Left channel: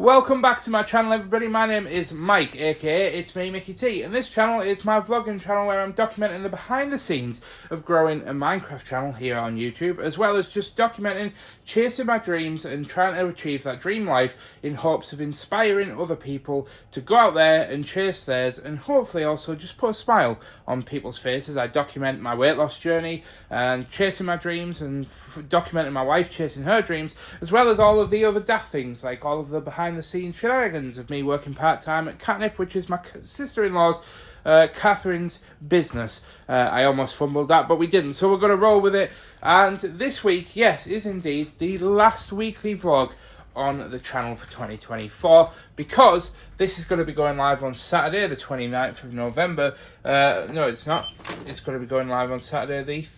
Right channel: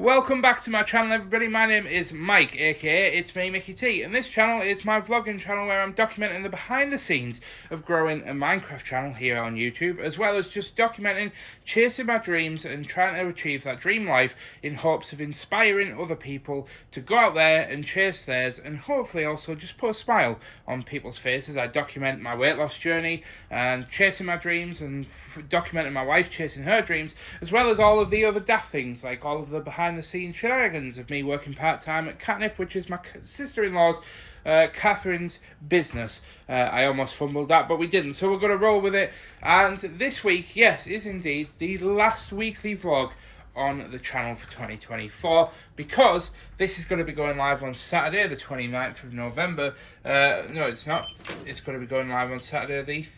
Welcome back to my channel, everybody. My name is Mike, aka It's Me Mickey T, and this channel is my vlogging channel where I'm documenting the behind the scenes of growing a Minecraft channel here on YouTube, as well as just documenting chasing my dreams and trying to achieve that dream life in hopes of inspiring other people to go out there and chase theirs, and hopefully also just put a smile on people's faces. I document my weight loss journey and chasing my dreams, and documenting my wife chasing her dreams, as well as all of the other daft things, like all of the behind the scenes shenanigans of me working part-time at Katnipp, which is my sister-in-law's Catherine's business. I almost fumbled that, but we didn't, so we're going to roll with it. And this week, yes, is indeed the last weekly vlog on the channel for 2024, because this is going to be going live on Saturday the 29th of November. No, it's not. It's going to be going live on Saturday the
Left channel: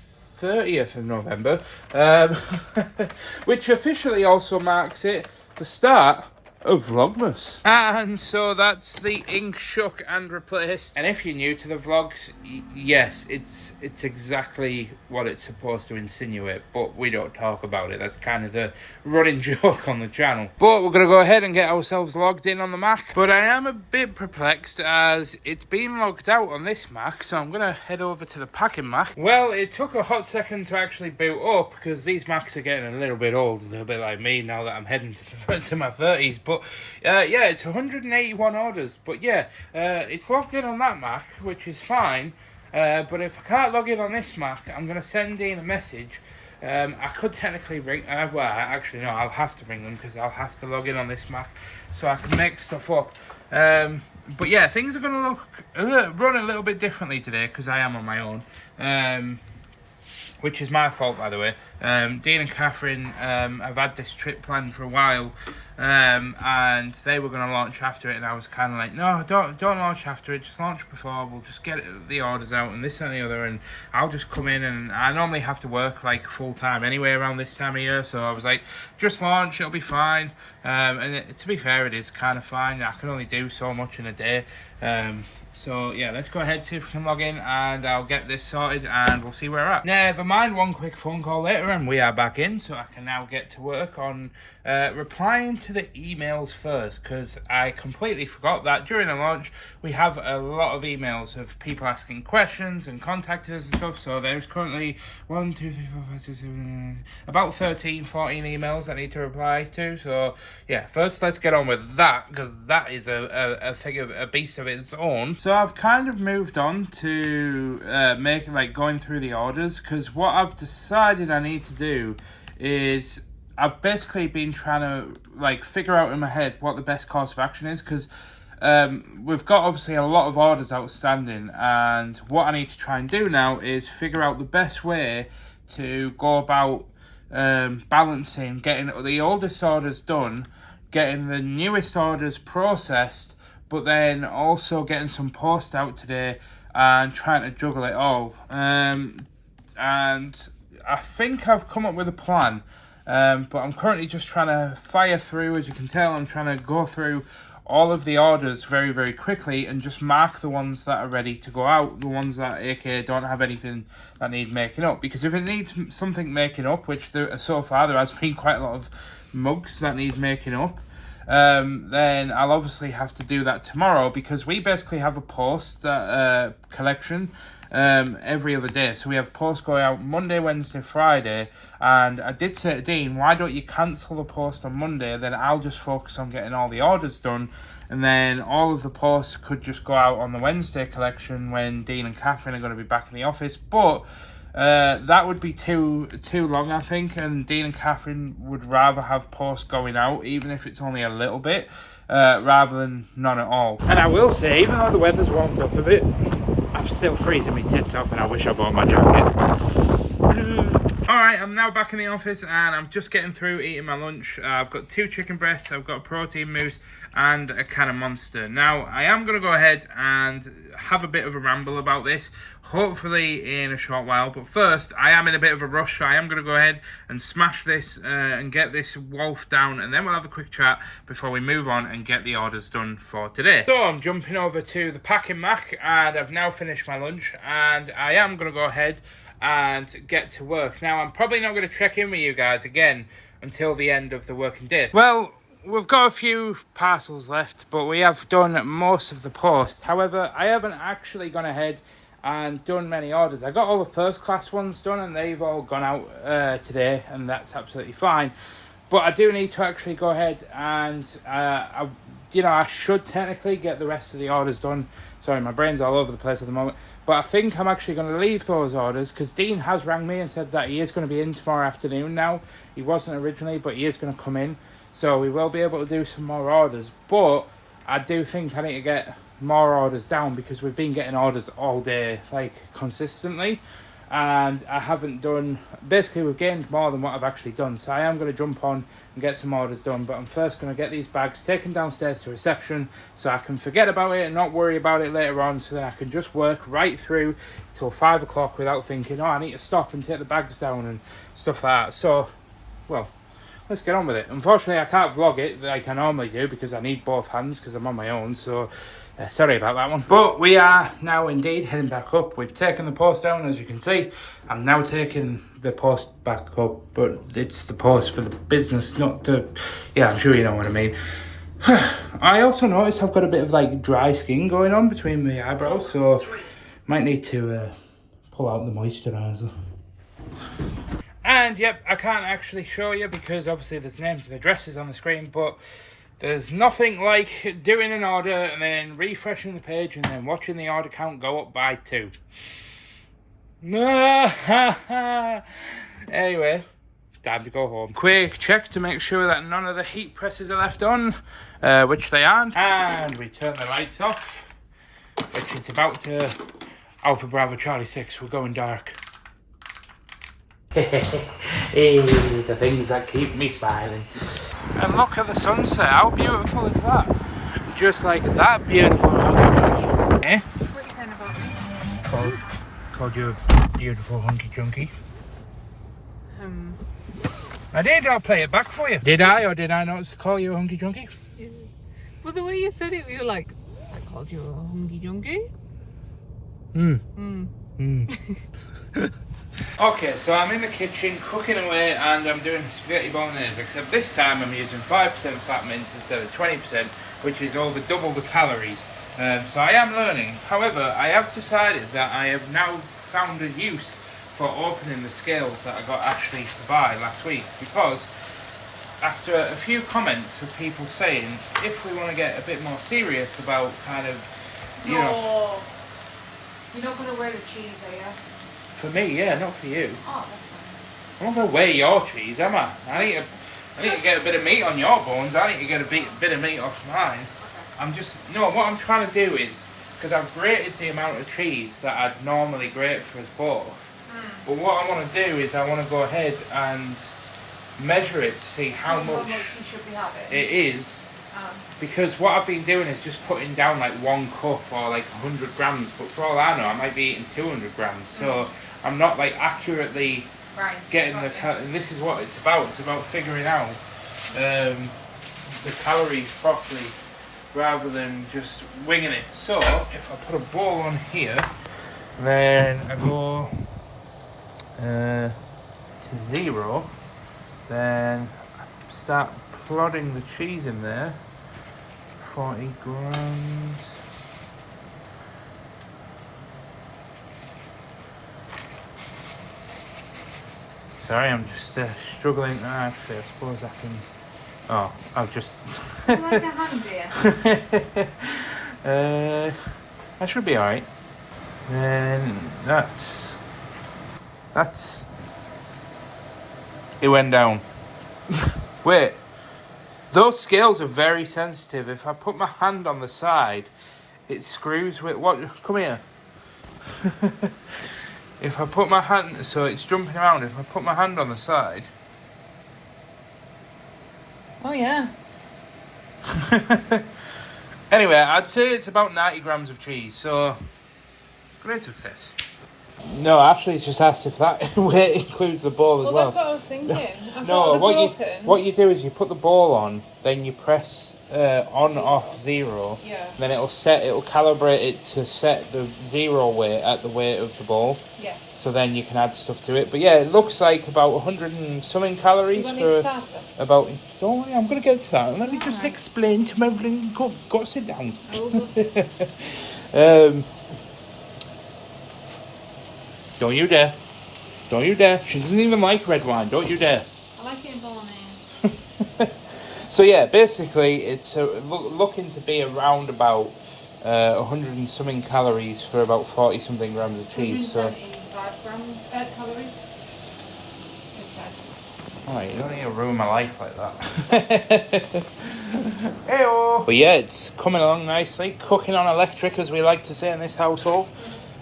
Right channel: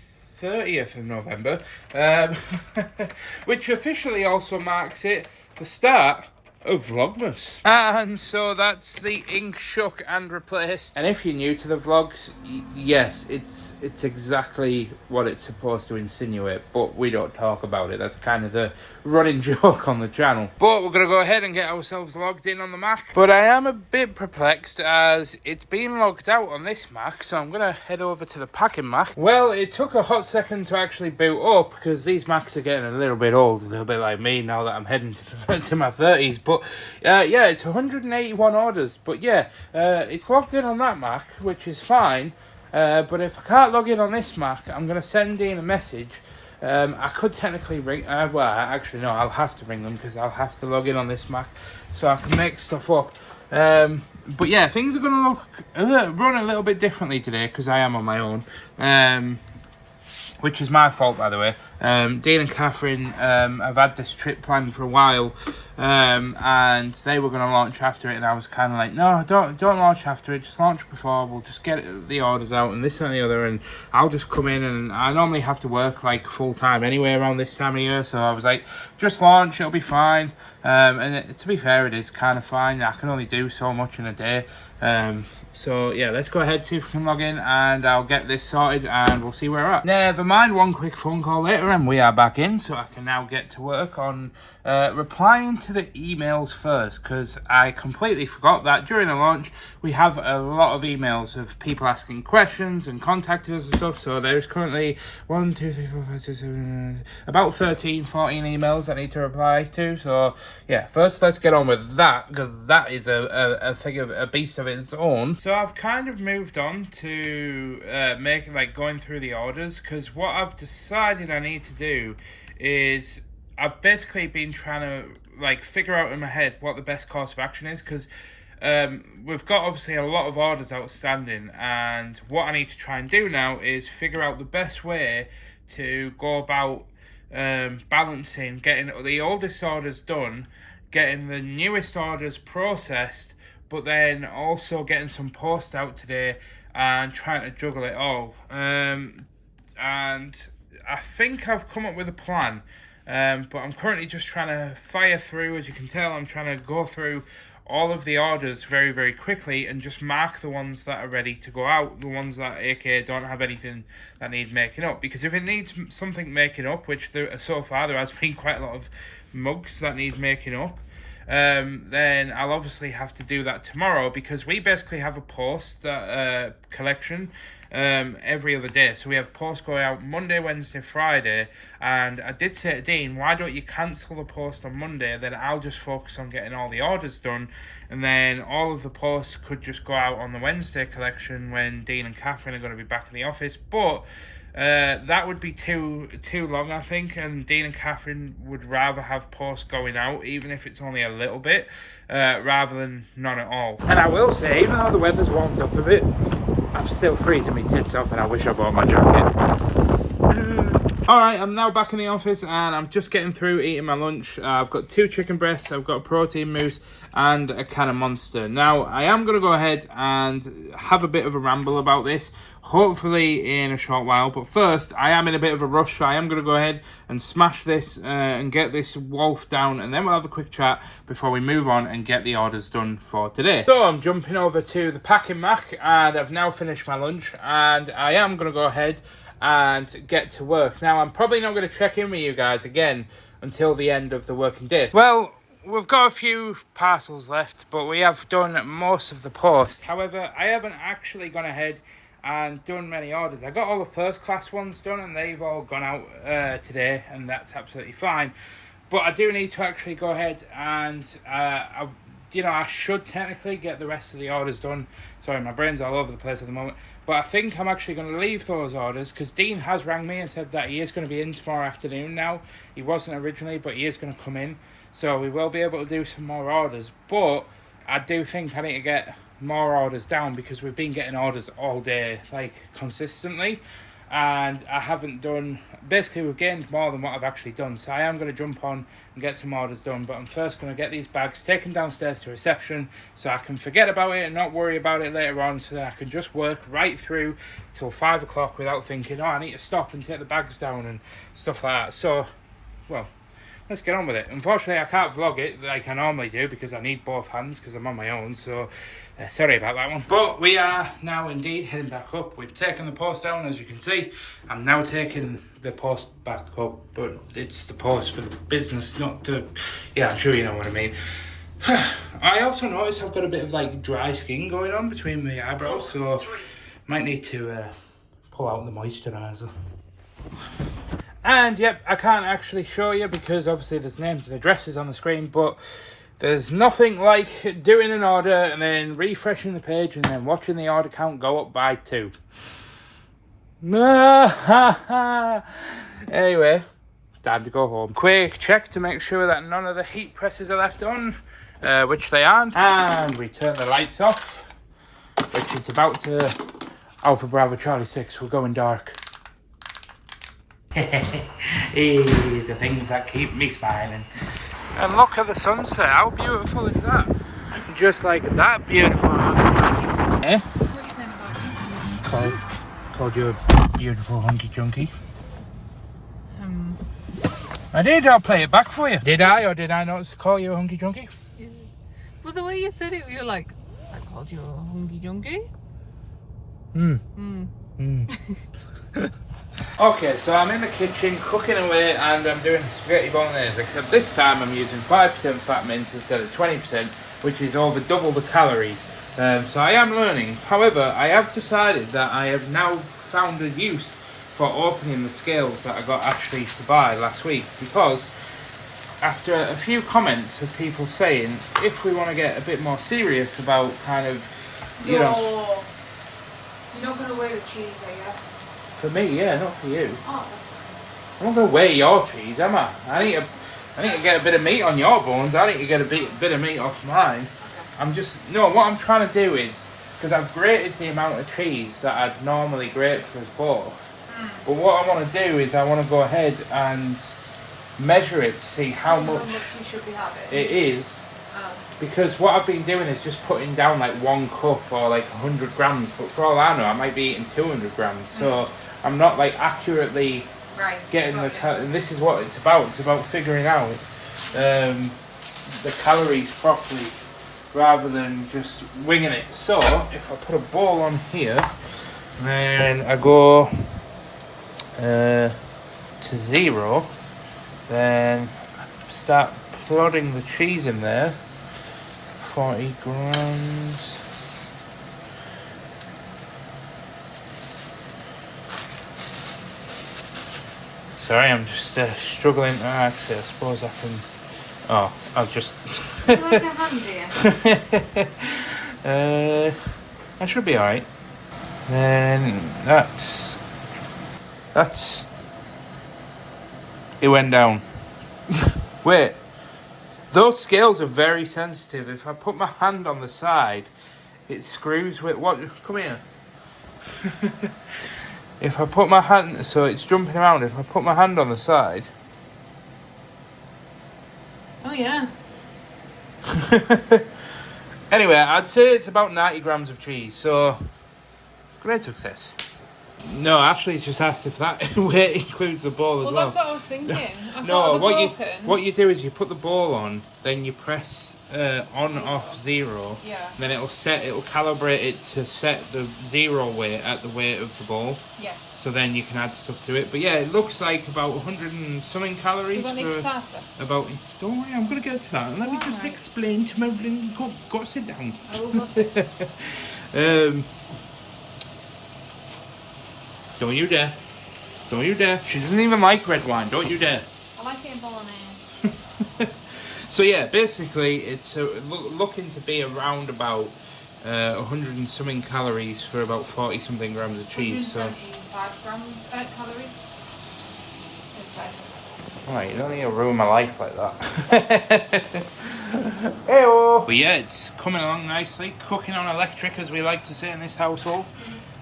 30th of November, which officially also marks it the start of Vlogmas. And so that's the ink shook and replaced. And if you're new to the vlogs, yes, it's exactly what it's supposed to insinuate, but we don't talk about it. That's kind of the running joke on the channel. But we're going to go ahead and get ourselves logged in on the Mac. But I am a bit perplexed as it's been logged out on this Mac, so I'm going to head over to the packing Mac. Well, it took a hot second to actually boot up because these Macs are getting a little bit old, a little bit like me now that I'm heading to my 30s. But yeah, it's 181 orders. But yeah, it's logged in on that Mac, which is fine. But if I can't log in on this Mac, I'm going to send Dean a message. I could technically ring, well, actually no, I'll have to ring them because I'll have to log in on this Mac so I can make stuff up. But yeah, things are going to run a little bit differently today because I am on my own. Which is my fault, by the way. Dean and Catherine have had this trip planned for a while, and they were going to launch after it, and I was kind of like, no, don't launch after it, just launch before, we'll just get the orders out, and this and the other, and I'll just come in, and I normally have to work, like, full-time anyway around this time of year, so I was like, just launch, it'll be fine, and to be fair, it is kind of fine. I can only do so much in a day, so yeah, let's go ahead, see if we can log in, and I'll get this sorted, and we'll see where we're at. Never mind, one quick phone call later, and we are back in, so I can now get to work on replying to the emails first, because I completely forgot that during the launch we have a lot of emails of people asking questions and contacting us and stuff. So there's currently 1, 2, 3, 4, 5, 6, 7, about 13, 14 emails I need to reply to. So yeah, first let's get on with that, because that is a thing of a beast of its own. So I've kind of moved on to going through the orders, because what I've decided I need to do is I've basically been trying to figure out in my head what the best course of action is, because we've got obviously a lot of orders outstanding, and what I need to try and do now is figure out the best way to go about balancing getting the oldest orders done, getting the newest orders processed, but then also getting some post out today and trying to juggle it all. And I think I've come up with a plan. But I'm currently just trying to fire through. As you can tell, I'm trying to go through all of the orders very, very quickly and just mark the ones that are ready to go out, the ones that a.k.a. don't have anything that need making up. Because if it needs something making up, which so far there has been quite a lot of mugs that need making up, then I'll obviously have to do that tomorrow, because we basically have a post collection every other day. So we have posts going out Monday, Wednesday, Friday, and I did say to Dean, why don't you cancel the post on Monday, then I'll just focus on getting all the orders done, and then all of the posts could just go out on the Wednesday collection when Dean and Catherine are going to be back in the office. But that would be too long, I think, and Dean and Catherine would rather have posts going out, even if it's only a little bit, rather than none at all. And I will say, even though the weather's warmed up a bit, I'm still freezing my tits off, and I wish I bought my jacket. Alright, I'm now back in the office, and I'm just getting through eating my lunch. I've got 2 chicken breasts, I've got a protein mousse, and a can of Monster. Now, I am going to go ahead and have a bit of a ramble about this, hopefully in a short while. But first, I am in a bit of a rush, so I am going to go ahead and smash this and get this wolf down, and then we'll have a quick chat before we move on and get the orders done for today. So I'm jumping over to the packing Mac, and I've now finished my lunch, and I am going to go ahead and get to work. Now, I'm probably not going to check in with you guys again until the end of the working day. Well, we've got a few parcels left, but we have done most of the post. However, I haven't actually gone ahead and done many orders. I got all the first class ones done and they've all gone out today, and that's absolutely fine. But I do need to actually go ahead and I should technically get the rest of the orders done. Sorry, my brain's all over the place at the moment. But I think I'm actually going to leave those orders because Dean has rang me and said that he is going to be in tomorrow afternoon now. He wasn't originally, but he is going to come in. So we will be able to do some more orders. But I do think I need to get more orders down because we've been getting orders all day, like consistently. And I haven't done, basically we've gained more than what I've actually done. So I am going to jump on and get some orders done. But I'm first going to get these bags taken downstairs to reception so I can forget about it and not worry about it later on. So that I can just work right through till 5 o'clock without thinking, oh, I need to stop and take the bags down and stuff like that. So, well, let's get on with it. Unfortunately, I can't vlog it like I normally do because I need both hands because I'm on my own. So, sorry about that one. But we are now indeed heading back up. We've taken the post down, as you can see. I'm now taking the post back up, but it's the post for the business, not to... Yeah, I'm sure you know what I mean. I also noticed I've got a bit of like dry skin going on between my eyebrows, so might need to pull out the moisturiser. And yep, I can't actually show you because obviously there's names and addresses on the screen, but there's nothing like doing an order and then refreshing the page and then watching the order count go up by 2. Anyway, time to go home. Quick check to make sure that none of the heat presses are left on, which they aren't. And we turn the lights off, which it's about to... Alpha Bravo Charlie 6, we're going dark. Hey, the things that keep me smiling. And look at the sunset, how beautiful is that? Just like that beautiful. Eh? What are you saying about me? Called you a beautiful hunky chunky. I did, I'll play it back for you. Did I, or did I not call you a hunky chunky? Yeah. But the way you said it, you were like, I called you a hunky chunky. Okay, so I'm in the kitchen cooking away and I'm doing spaghetti bolognese, except this time I'm using 5% fat mince instead of 20%, which is over double the calories. So I am learning. However, I have decided that I have now found a use for opening the scales that I got Ashley to buy last week, because after a few comments of people saying if we want to get a bit more serious about kind of, you know... You're not going to wear the cheese, are you? For me, yeah, not for you. Oh, that's fine. I'm not going to weigh your cheese, am I? I need to get a bit of meat on your bones. I need to get a bit of meat off mine. Okay. I'm just... No, what I'm trying to do is... Because I've grated the amount of cheese that I'd normally grate for us both. But what I want to do is I want to go ahead and measure it to see how much you should be having. it is. Because what I've been doing is just putting down like 1 cup or like 100 grams. But for all I know, I might be eating 200 grams. So I'm not like accurately getting the... And this is what it's about. It's about figuring out the calories properly rather than just winging it. So if I put a ball on here, then I go to 0, then start plodding the cheese in there. 40 grams. Sorry, I'm just struggling. Actually, I suppose I can... Oh, I'll just... Do you like a hand here? I should be alright. Then that's... It went down. Wait. Those scales are very sensitive. If I put my hand on the side, it screws with... What? Come here. If I put my hand... So it's jumping around. If I put my hand on the side... Oh, yeah. Anyway, I'd say it's about 90 grams of cheese. So, great success. No, Ashley just asked if that weight includes the ball as well. That's what I was thinking. No, what you do is you put the ball on, then you press on off 0. Yeah. Then it'll calibrate it to set the 0 weight at the weight of the ball. Yeah. so then you can add stuff to it. But yeah, it looks like about 100 and something calories for about... Don't worry, I'm going to get to that. Let me just explain to my... Go sit down. I will go sit. Don't you dare. Don't you dare. She doesn't even like red wine. Don't you dare. I like it in bolognese. So yeah, basically it's looking to be around about 100 and something calories for about 40 something grams of cheese. So 175 calories. Alright, you don't need to ruin my life like that. Hey-oh. But yeah, it's coming along nicely. Cooking on electric, as we like to say in this household.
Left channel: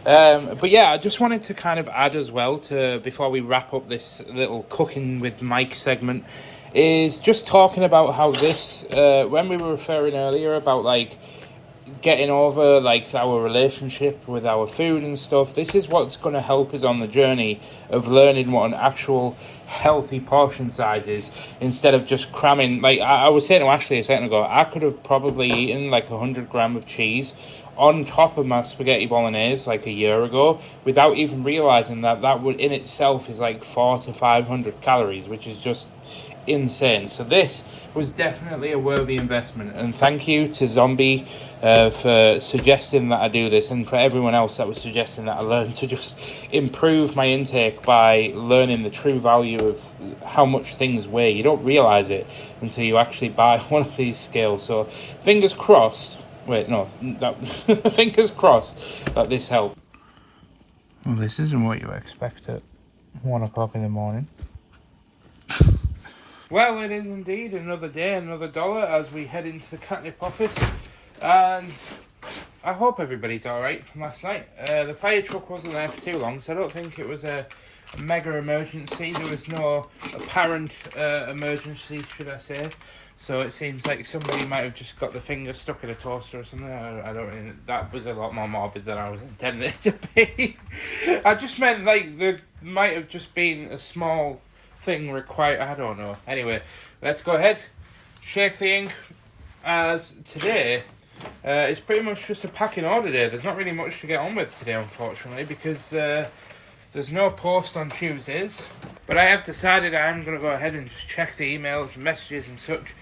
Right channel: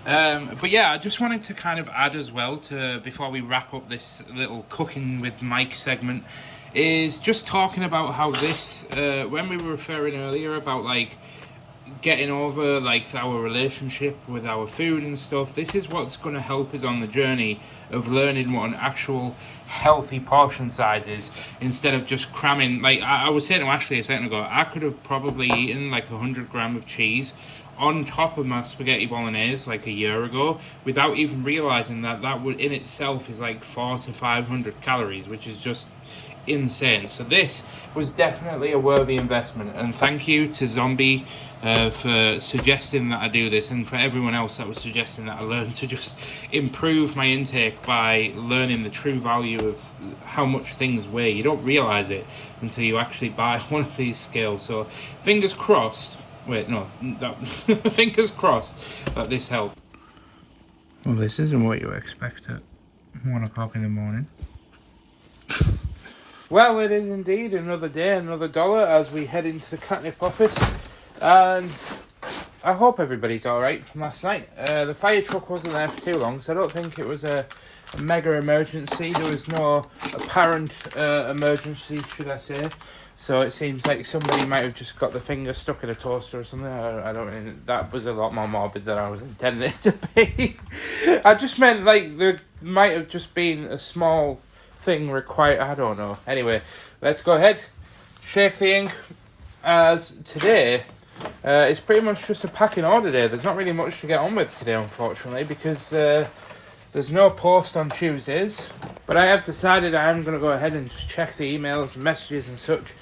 But yeah, I just wanted to kind of add as well to, before we wrap up this little cooking with Mike segment, is just talking about how this, when we were referring earlier about like getting over like our relationship with our food and stuff, this is what's going to help us on the journey of learning what an actual healthy portion size is, instead of just cramming. Like I was saying to Ashley a second ago, I could have probably eaten like 100 grams of cheese on top of my spaghetti bolognese like a year ago without even realizing that that would in itself is like 400 to 500 calories, which is just insane. So this was definitely a worthy investment, and thank you to Zombie for suggesting that I do this, and for everyone else that was suggesting that I learn to just improve my intake by learning the true value of how much things weigh. You don't realize it until you actually buy one of these scales. So fingers crossed. Wait, no, that fingers crossed that this helped. Well, this isn't what you expect at 1 o'clock in the morning. Well, it is indeed another day, another dollar as we head into the Katnipp office, and I hope everybody's alright from last night. The fire truck wasn't there for too long, so I don't think it was a mega emergency. There was no apparent emergency, should I say. So it seems like somebody might have just got the finger stuck in a toaster or something. I don't really, that was a lot more morbid than I was intending it to be. I just meant like there might have just been a small thing required. I don't know. Anyway, let's go ahead, shake the ink, as today it's pretty much just a packing order day. There's not really much to get on with today, unfortunately, because there's no post on Tuesdays, but I have decided I am going to go ahead and just check the emails and messages and such,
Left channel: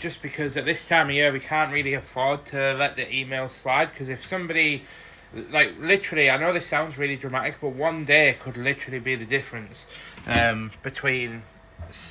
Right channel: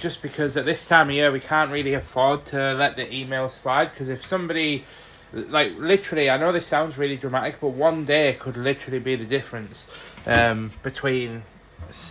just because at this time of year we can't really afford to let the emails slide, because if somebody, like literally, I know this sounds really dramatic, but one day could literally be the difference between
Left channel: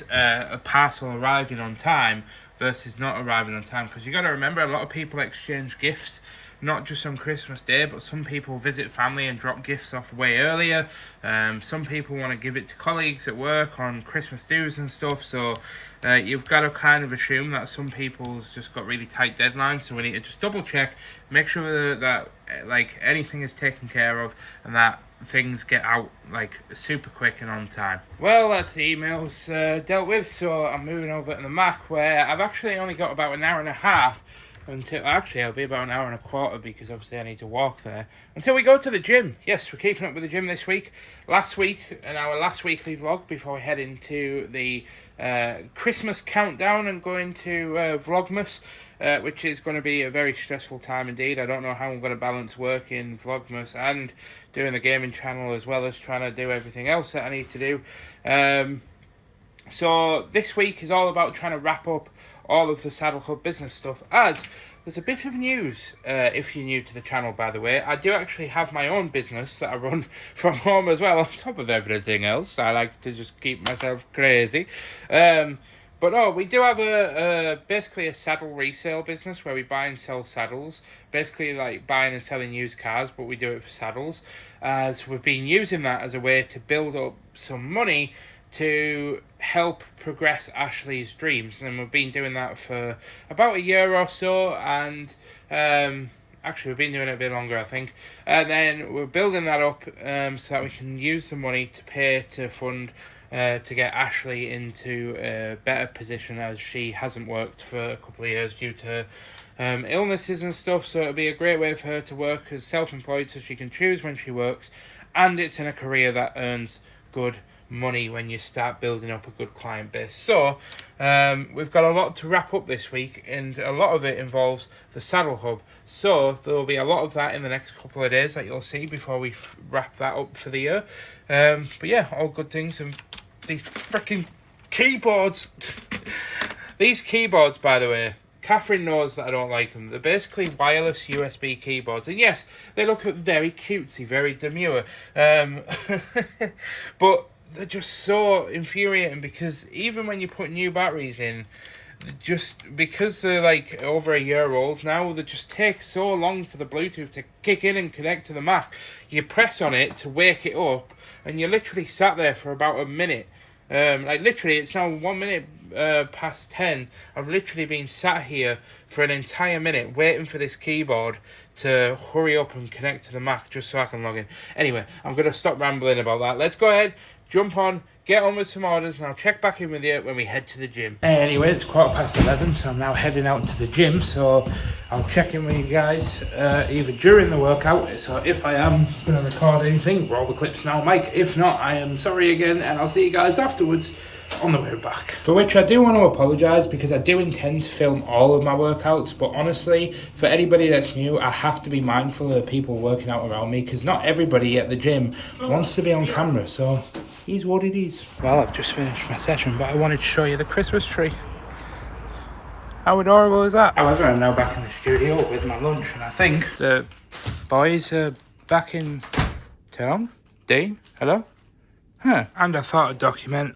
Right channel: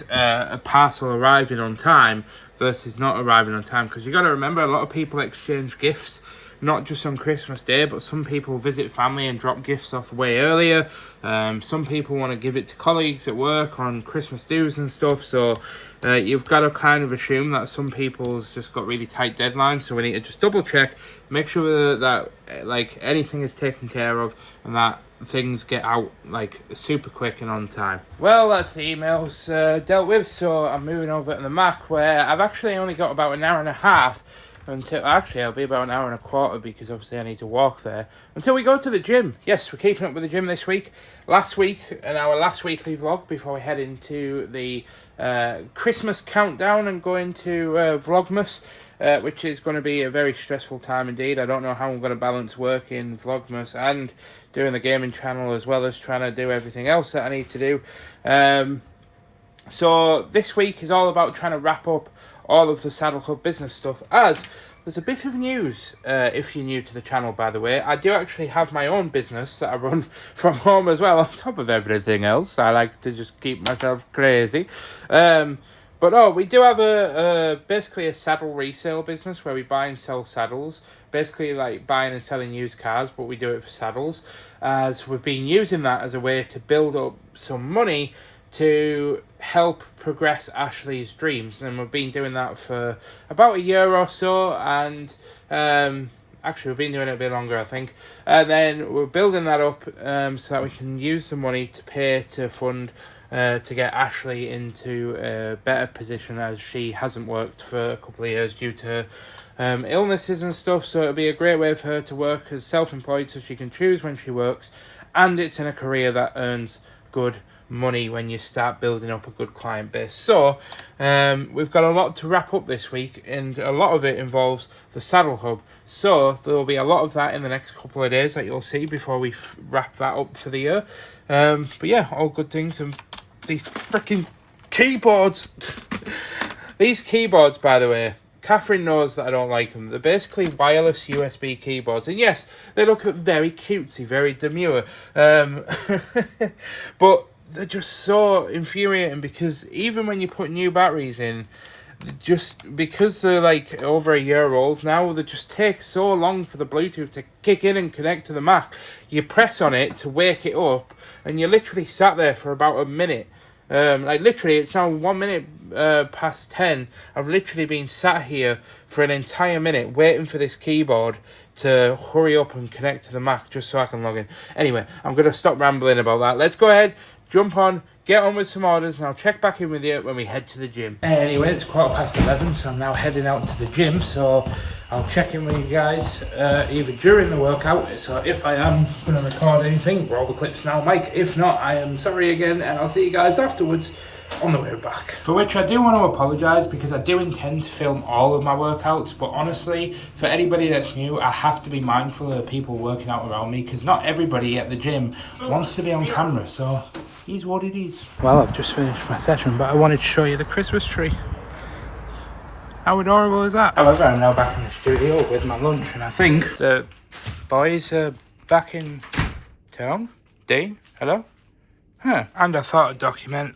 a parcel arriving on time versus not arriving on time, because you got to remember a lot of people exchange gifts not just on Christmas Day, but some people visit family and drop gifts off way earlier. Some people want to give it to colleagues at work on Christmas dues and stuff, so you've got to kind of assume that some people's just got really tight deadlines, so we need to just double check, make sure that like anything is taken care of and that things get out like super quick and on time. Well, that's the emails dealt with, so I'm moving over to the Mac, where I've actually only got about an hour and a half until, actually it'll be about an hour and a quarter, because obviously I need to walk there until we go to the gym. Yes, we're keeping up with the gym this week. Last week, in our last weekly vlog before we head into the Christmas countdown and go into vlogmas, which is going to be a very stressful time indeed. I don't know how I'm going to balance working vlogmas and doing the gaming channel, as well as trying to do everything else that I need to do. So this week is all about trying to wrap up all of the Saddle Club business stuff, as there's a bit of news. If you're new to the channel, by the way, I do actually have my own business that I run from home as well, on top of everything else. I like to just keep myself crazy. But no, we do have basically a saddle resale business where we buy and sell saddles, basically like buying and selling used cars, but we do it for saddles, as we've been using that as a way to build up some money to help progress Ashley's dreams, and we've been doing that for about a year or so, and actually we've been doing it a bit longer, I think, and then we're building that up so that we can use the money to pay to fund to get Ashley into a better position, as she hasn't worked for a couple of years due to illnesses and stuff. So it'll be a great way for her to work as self-employed, so she can choose when she works, and it's in a career that earns good money when you start building up a good client base. So we've got a lot to wrap up this week, and a lot of it involves the Saddle Hub. So there will be a lot of that in the next couple of days that you'll see before we wrap that up for the year. But yeah, all good things. And these freaking keyboards. These keyboards, by the way, Catherine knows that I don't like them. They're basically wireless USB keyboards. And yes, they look very cutesy, very demure. But they're just so infuriating, because even when you put new batteries in, just because they're like over a year old now, they just take so long for the Bluetooth to kick in and connect to the Mac. You press on it to wake it up, and you literally sat there for about a minute. Like literally, it's now 1 minute past 10. I've literally been sat here for an entire minute waiting for this keyboard to hurry up and connect to the Mac just so I can log in. Anyway, I'm going to stop rambling about that. Let's go ahead, jump on, get on with some orders, and I'll check back in with you when we head to the gym. Anyway, it's 11:15, so I'm now heading out to the gym, so I'll check in with you guys either during the workout, so if I am going to record anything, roll the clips now, Mike. If not, I am sorry again, and I'll see you guys afterwards on the way back. For which I do want to apologise, because I do intend to film all of my workouts, but honestly, for anybody that's new, I have to be mindful of the people working out around me, because not everybody at the gym wants to be on camera, so is what it is. Well, I've just finished my session, but I wanted to show you the Christmas tree. How adorable is that? However, I'm now back in the studio with my lunch, and I think the boys are back in town. Dean, hello? Huh. And I thought I'd document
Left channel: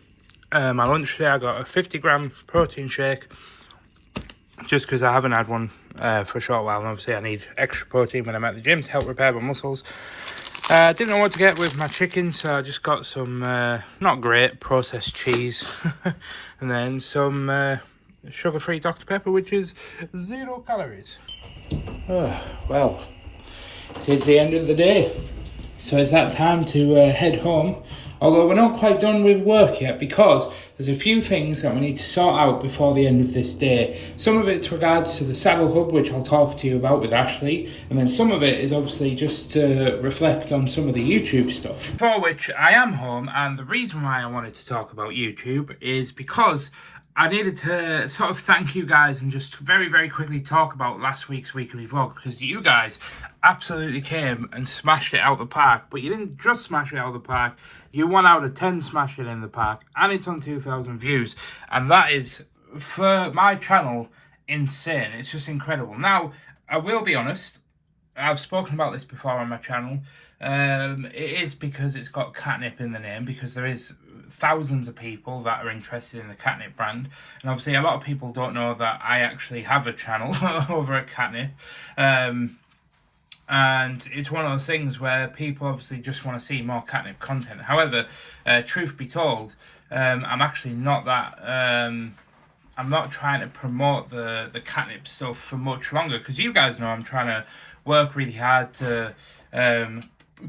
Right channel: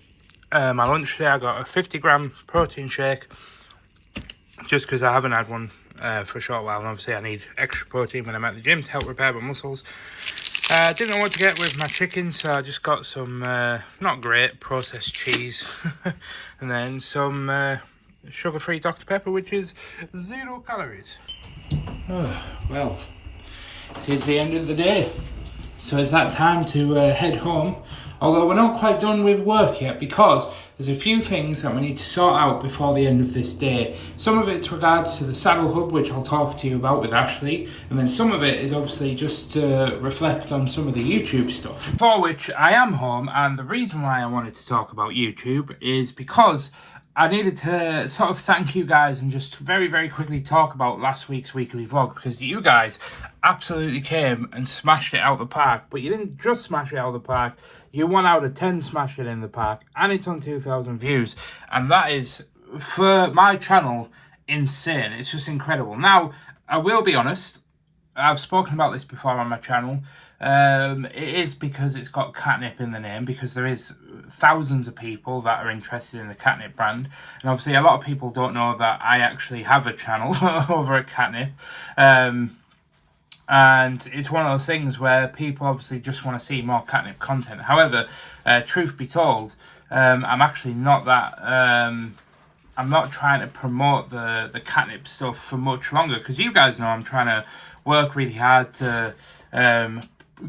my lunch today. I got a 50-gram protein shake, just because I haven't had one for a short while, and obviously I need extra protein when I'm at the gym to help repair my muscles. Didn't know what to get with my chicken, so I just got some not great processed cheese and then some sugar-free Dr. Pepper, which is 0 calories. Well, it is the end of the day, so it's that time to head home. Although we're not quite done with work yet, because there's a few things that we need to sort out before the end of this day. Some of it's regards to the Saddle Hub, which I'll talk to you about with Ashley, and then some of it is obviously just to reflect on some of the YouTube stuff. For which I am home, and the reason why I wanted to talk about YouTube is because I needed to sort of thank you guys and just very, very quickly talk about last week's weekly vlog, because you guys absolutely came and smashed it out the park. But you didn't just smash it out of the park, you 1 out of 10 smashed it in the park, and it's on 2,000 views, and that is, for my channel, insane. It's just incredible. Now, I will be honest, I've spoken about this before on my channel. It is because it's got Katnipp in the name, because there is thousands of people that are interested in the Katnipp brand, and obviously a lot of people don't know that I actually have a channel over at Katnipp, and it's one of those things where people obviously just want to see more Katnipp content. However, truth be told, I'm actually not that I'm not trying to promote the Katnipp stuff for much longer, because you guys know I'm trying to work really hard to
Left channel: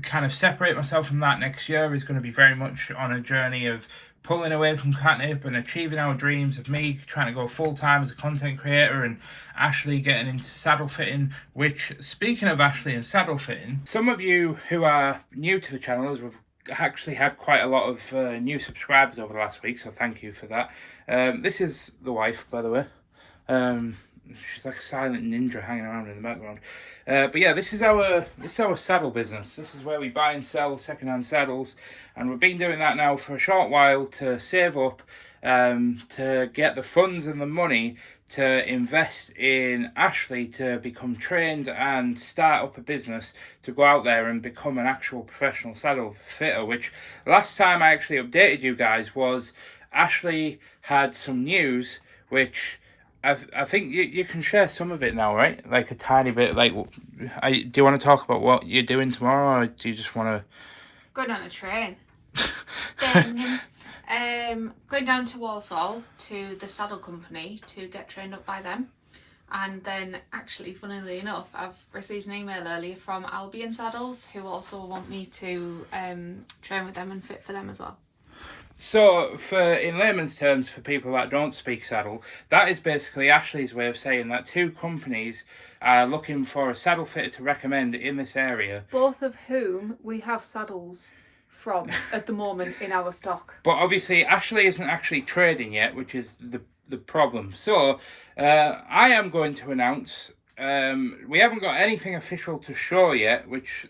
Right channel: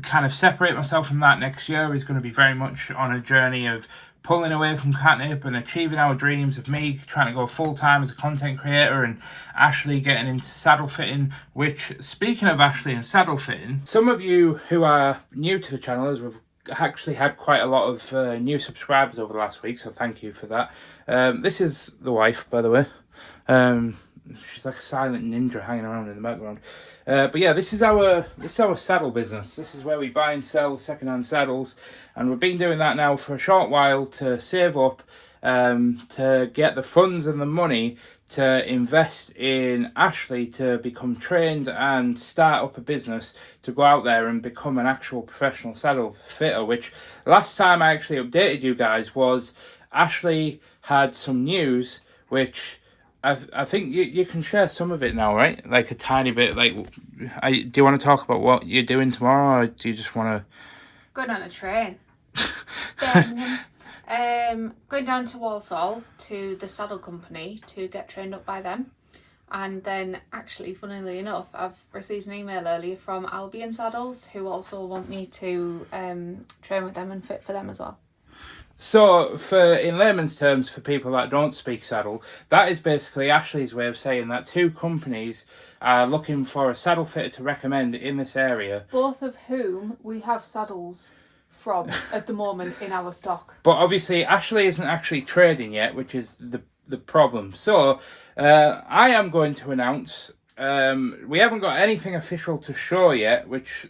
kind of separate myself from that. Next year is going to be very much on a journey of pulling away from Katnipp and achieving our dreams of me trying to go full-time as a content creator, and Ashley getting into saddle fitting, which, speaking of Ashley and saddle fitting, some of you who are new to the channel, as we've actually had quite a lot of new subscribers over the last week, so thank you for that. This is the wife, by the way. She's like a silent ninja hanging around in the background. But yeah, this is our saddle business. This is where we buy and sell secondhand saddles, and we've been doing that now for a short while to save up to get the funds and the money to invest in Ashley to become trained and start up a business to go out there and become an actual professional saddle fitter. Which last time I actually updated you guys was Ashley had some news, which I think you can share some of it now, right? Like a tiny bit. Like, do you want to talk about what you're doing tomorrow, or do you just want to... Going on a train. Going down to Walsall to the saddle company to get trained up by them. And then, actually, funnily enough, I've received an email earlier from Albion Saddles, who also want me to train with them and fit for them as well. So, in layman's terms, for people that don't speak saddle, that is basically Ashley's way of saying that 2 companies are looking for a saddle fitter to recommend in this area. Both of whom we have saddles from at the moment in our stock. But obviously, Ashley isn't actually trading yet, which is the problem. So, I am going to announce. We haven't got anything official to show yet, which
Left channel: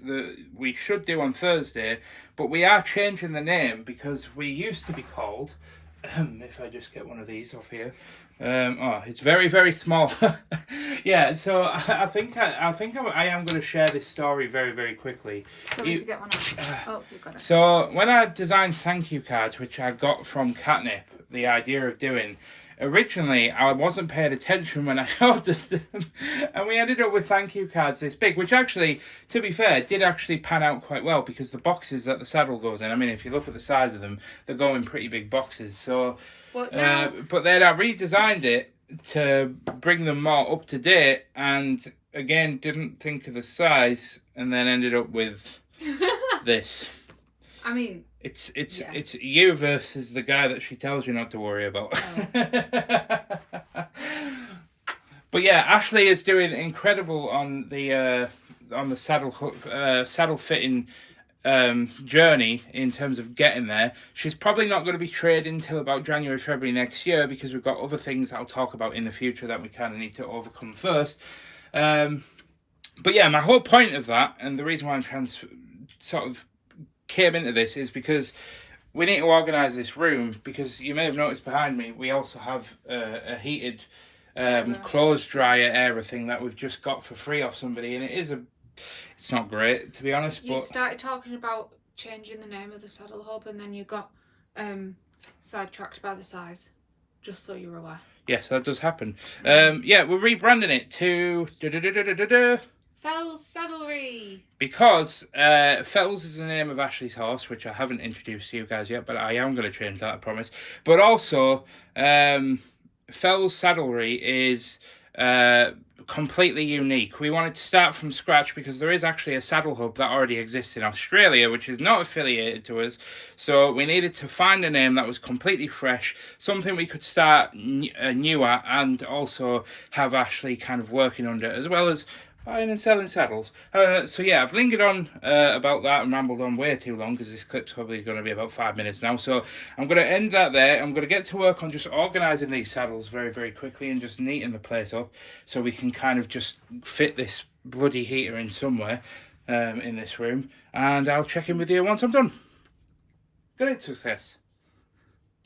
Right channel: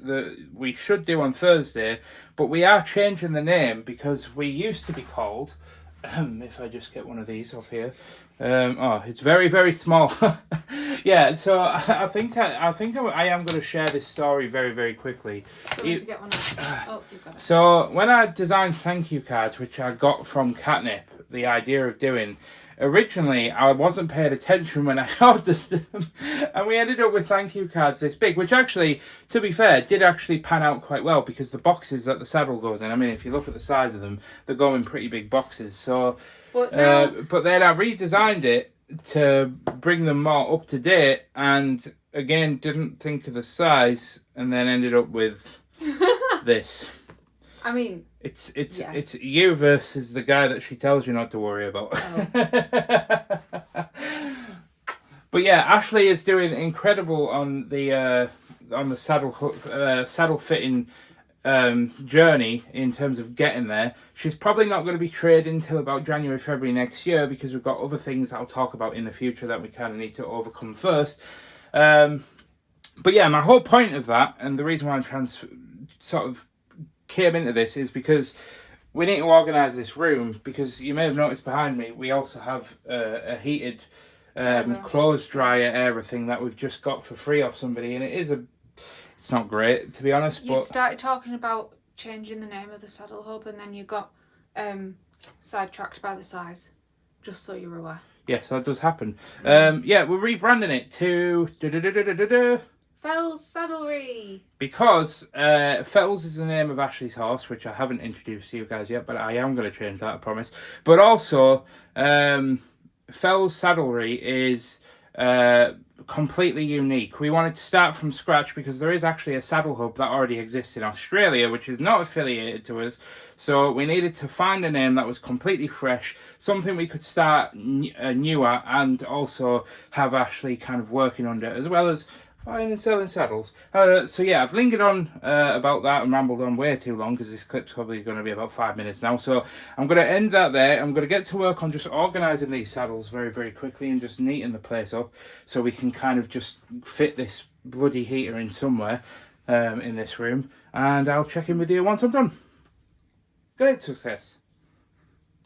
we should do on Thursday. But we are changing the name because we used to be called. If I just get one of these off here. Oh, it's very, very small. Yeah, so I think I am going to share this story very, very quickly. To get one oh, you've got it. So when I designed thank you cards, which I got from Katnipp, the idea of doing, originally I wasn't paying attention when I ordered them, and we ended up with thank you cards this big, which actually, to be fair, did actually pan out quite well because the boxes that the saddle goes in, I mean, if you look at the size of them, they go in pretty big boxes. So, but then I redesigned it to bring them more up to date, and again didn't think of the size, and then ended up with this. I mean, it's you versus the guy that she tells you not to worry about. Oh. But yeah, Ashley is doing incredible on the saddle fitting journey in terms of getting there. She's probably not going to be trading until about January, February next year because we've got other things I'll talk about in the future that we kind of need to overcome first. But yeah, my whole point of that, and the reason why I'm sort of came into this, is because we need to organise this room, because you may have noticed behind me we also have a heated clothes dryer area thing that we've just got for free off somebody, and it's not great, to be honest. You started talking about changing the name of the saddle hub, and then you got sidetracked by the size, just so you're aware. Yes, that does happen. Yeah, we're rebranding it to Fells Saddlery. Because Fells is the name of Ashley's horse, which I haven't introduced to you guys yet, but I am going to change that, I promise. But also, Fells Saddlery is completely unique. We wanted to start from scratch because there is actually a saddle hub that already exists in Australia, which is not affiliated to us. So we needed to find a name that was completely fresh, something we could start new at, and also have Ashley kind of working under, as well as buying and selling saddles. So yeah, I've lingered on about that and rambled on way too long because this clip's probably going to be about 5 minutes now. So I'm going to end that there. I'm going to get to work on just organising these saddles very, very quickly and just neating the place up so we can kind of just fit this bloody heater in somewhere in this room. And I'll check in with you once I'm done. Great success.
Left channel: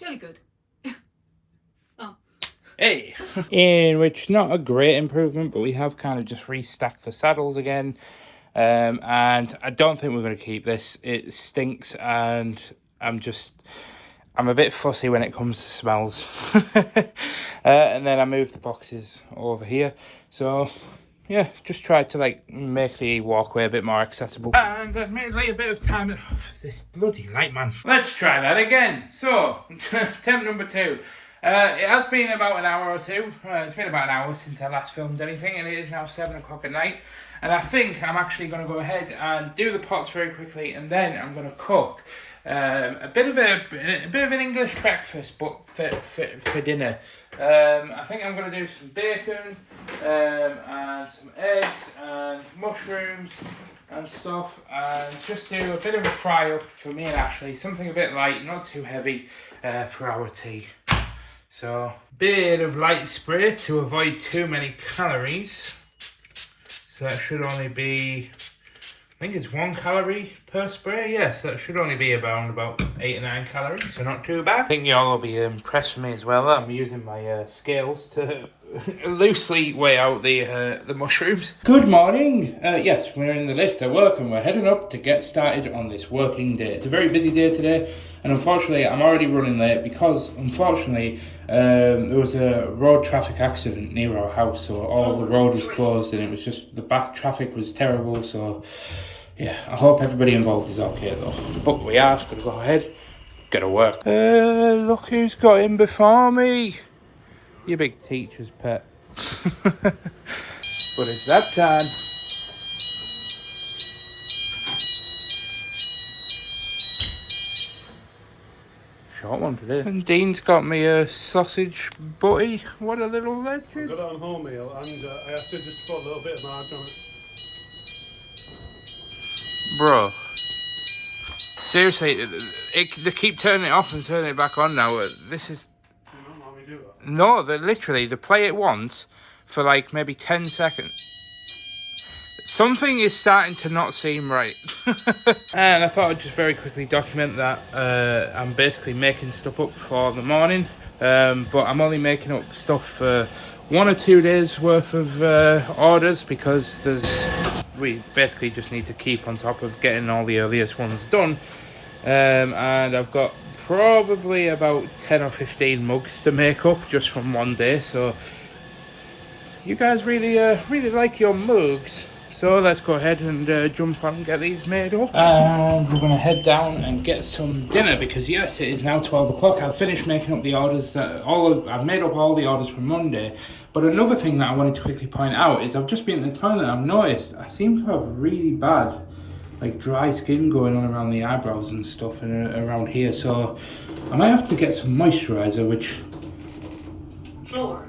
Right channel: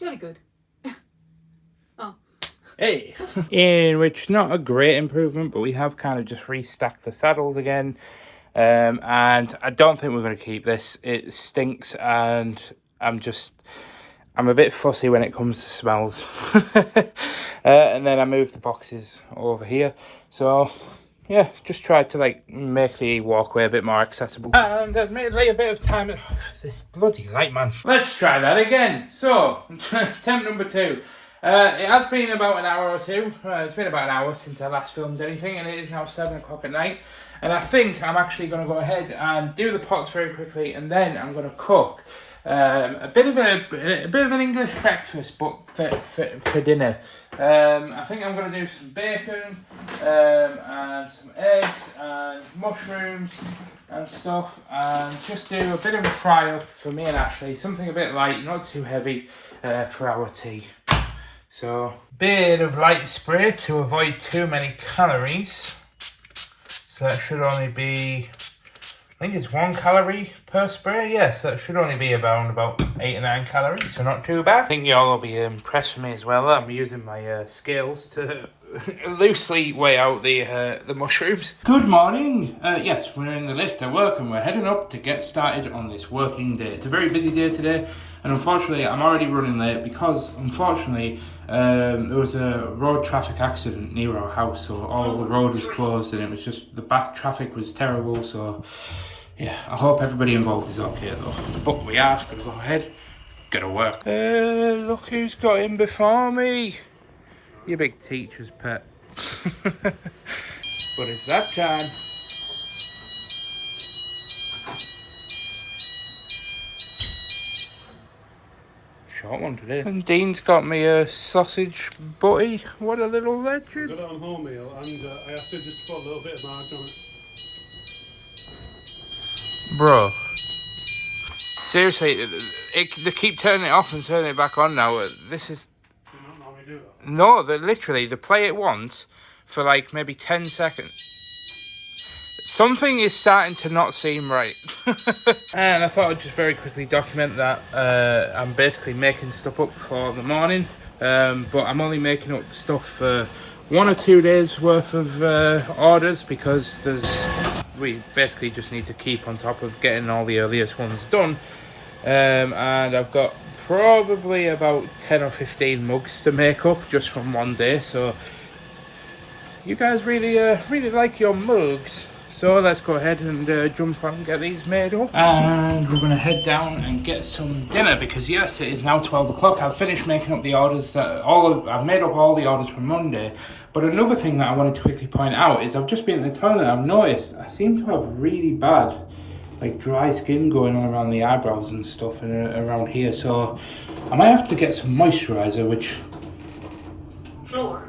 Jolly good. Hey! In which, not a great improvement, but we have kind of just restacked the saddles again. And I don't think we're going to keep this. It stinks, and I'm a bit fussy when it comes to smells. And then I moved the boxes over here. So, yeah, just tried to make the walkway a bit more accessible. And admittedly a bit of time. Oh, this bloody light, man. Let's try that again. So, attempt number 2. It has been about an hour or two. It's been about an hour since I last filmed anything, and it is now 7 o'clock at night. And I think I'm actually going to go ahead and do the pots very quickly, and then I'm going to cook a bit of an English breakfast, but for dinner. I think I'm going to do some bacon and some eggs and mushrooms and stuff, and just do a bit of a fry up for me and Ashley. Something a bit light, not too heavy, for our tea. So, bit of light spray to avoid too many calories. So that should only be, I think it's 1 calorie per spray. Yes, that should only be about 8 or 9 calories, so not too bad. I think y'all will be impressed with me as well. I'm using my scales to loosely weigh out the mushrooms. Good morning. Yes, we're in the lift at work and we're heading up to get started on this working day. It's a very busy day today, and unfortunately I'm already running late because unfortunately there was a road traffic accident near our house, so all the road was closed and it was just, the back traffic was terrible. So yeah, I hope everybody involved is okay though. But we are going to go ahead, get to work. Look who's got in before me. You big teacher's pet. But it's that time. Short one today. And Dean's got me a sausage butty. What a little legend. I got it on wholemeal, and I asked her just to put a little bit of margarine on it. Bro. Seriously, they keep turning it off and turning it back on now. This is... Do you not normally do that? No, literally, they play it once for like maybe 10 seconds. Something is starting to not seem right. And I thought I'd just very quickly document that I'm basically making stuff up for the morning. But I'm only making up stuff for 1 or 2 days worth of orders, because we basically just need to keep on top of getting all the earliest ones done. And I've got probably about 10 or 15 mugs to make up just from one day. So you guys really like your mugs. So let's go ahead and jump on and get these made up. And we're going to head down and get some dinner, because yes, it is now 12 o'clock. I've finished making up the orders I've made up all the orders from Monday. But another thing that I wanted to quickly point out is I've just been in the toilet. I've noticed I seem to have really bad, like, dry skin going on around the eyebrows and stuff and around here. So I might have to get some moisturizer, which...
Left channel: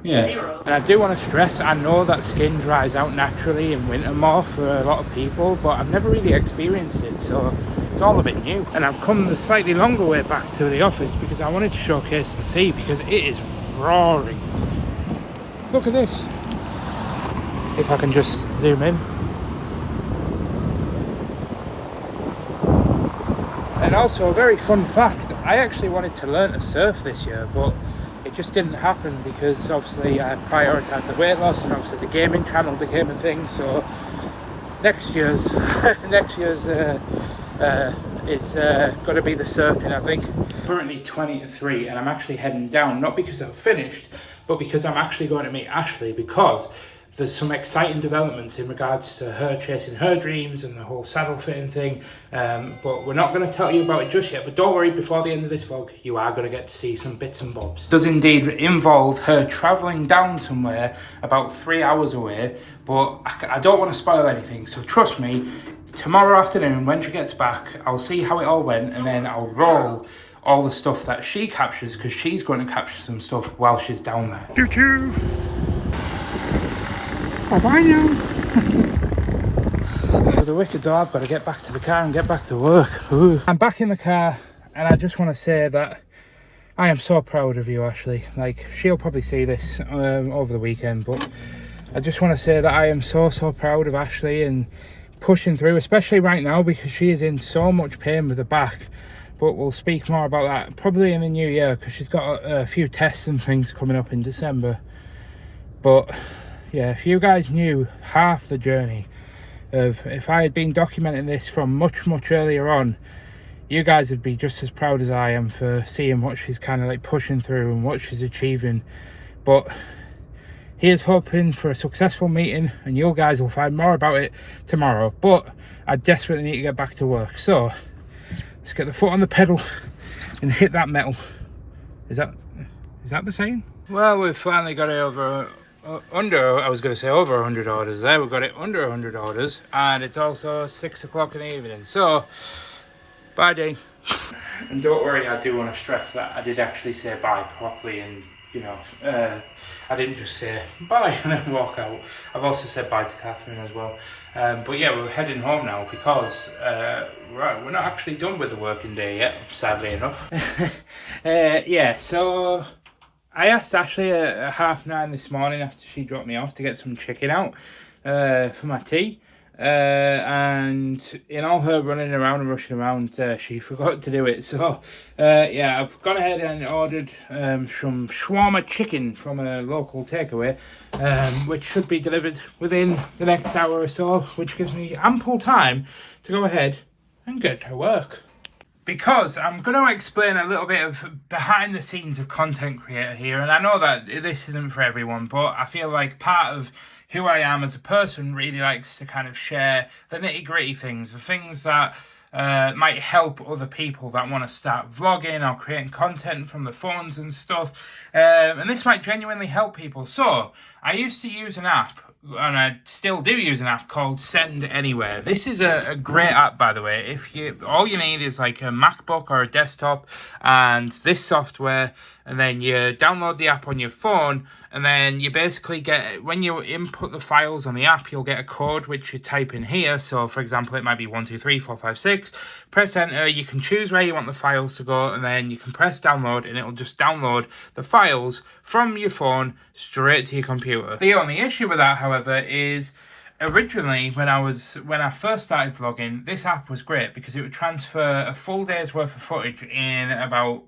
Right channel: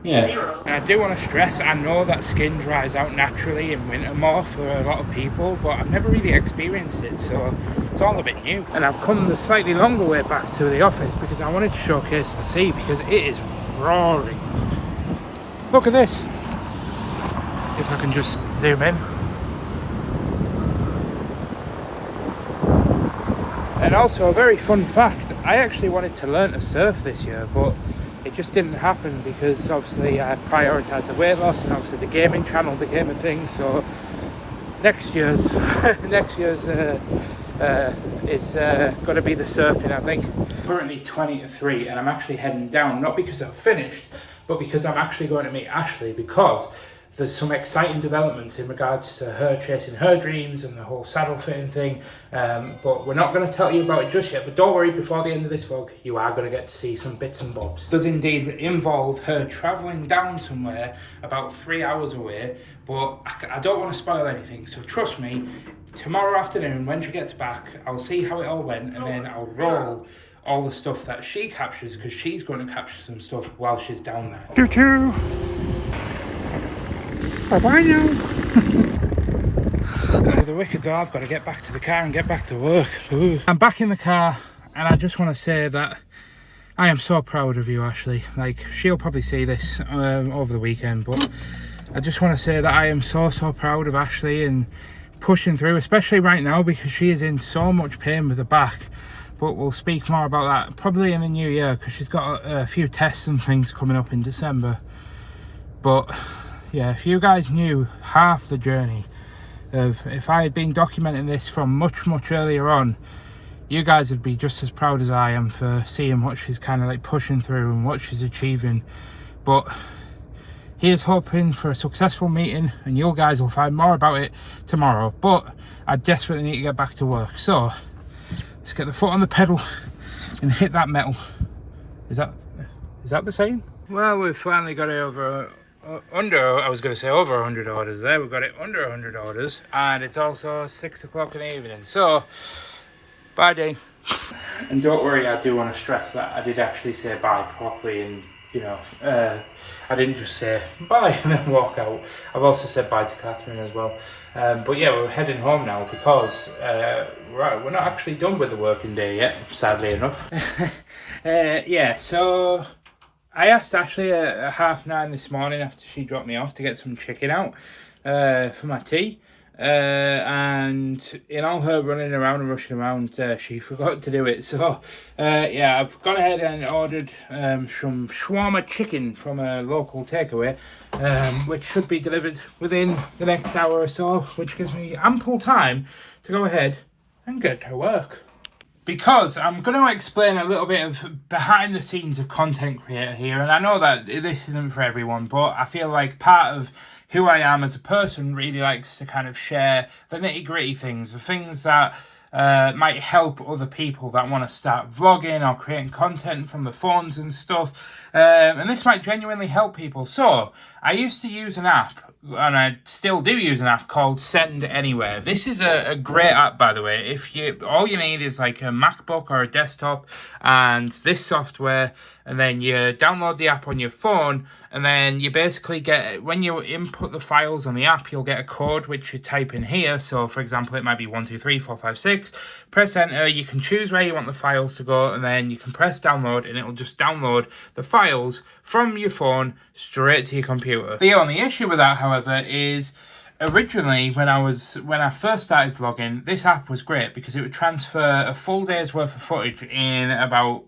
Yeah, and I do want to stress, I know that skin dries out naturally in winter more for a lot of people, but I've never really experienced it, so it's all a bit new. And I've come the slightly longer way back to the office because I wanted to showcase the sea, because it is roaring. Look at this. If I can just zoom in. And also a very fun fact, I actually wanted to learn to surf this year, but it just didn't happen because obviously I prioritised the weight loss, and obviously the gaming channel became a thing. So next year's is going to be the surfing, I think. Currently 20 to 3, and I'm actually heading down, not because I've finished, but because I'm actually going to meet Ashley, because there's some exciting developments in regards to her chasing her dreams and the whole saddle fitting thing. But we're not going to tell you about it just yet. But don't worry, before the end of this vlog, you are going to get to see some bits and bobs. It does indeed involve her travelling down somewhere about 3 hours away. But I don't want to spoil anything. So trust me, tomorrow afternoon, when she gets back, I'll see how it all went. And then I'll roll all the stuff that she captures, because she's going to capture some stuff while she's down there. Choo-choo! Bye-bye now. With the wicked door, I've got to get back to the car and get back to work. Ooh. I'm back in the car, and I just want to say that I am so proud of you, Ashley. Like, she'll probably see this over the weekend, but I just want to say that I am so proud of Ashley and pushing through, especially right now, because she is in so much pain with her back. But we'll speak more about that probably in the new year, because she's got a few tests and things coming up in December. But yeah, if you guys knew half the journey of, if I had been documenting this from much earlier on, you guys would be just as proud as I am for seeing what she's kind of like pushing through and what she's achieving. But here's hoping for a successful meeting, and you guys will find more about it tomorrow. But I desperately need to get back to work, so let's get the foot on the pedal and hit that metal. Is that the saying? Well, we've finally got it over I was going to say over 100 orders there. We've got it under 100 orders, and it's also 6 o'clock in the evening. So, bye, Dean. And don't worry, I do want to stress that I did actually say bye properly, and you know, I didn't just say bye and then walk out. I've also said bye to Catherine as well. But yeah, we're heading home now because we're not actually done with the working day yet, sadly enough. Yeah, so I asked Ashley at 9:30 this morning after she dropped me off to get some chicken out for my tea. And in all her running around and rushing around, she forgot to do it. So yeah, I've gone ahead and ordered some shawarma chicken from a local takeaway, which should be delivered within the next hour or so, which gives me ample time to go ahead and get to work. Because I'm going to explain a little bit of behind the scenes of content creator here, and I know that this isn't for everyone, but I feel like part of who I am as a person really likes to kind of share the nitty-gritty things, the things that might help other people that want to start vlogging or creating content from the phones and stuff, and this might genuinely help people. So I used to use an app, and I still do use an app called Send Anywhere. This is a great app, by the way. If all you need is like a MacBook or a desktop, and this software and then you download the app on your phone, and then you basically get, when you input the files on the app, you'll get a code which you type in here. So for example, it might be 1 2 3 4 5 6. Press enter, you can choose where you want the files to go, and then you can press download, and it'll just download the files from your phone straight to your computer. The only issue with that, however, is originally, when I first started vlogging, this app was great because it would transfer a full day's worth of footage in about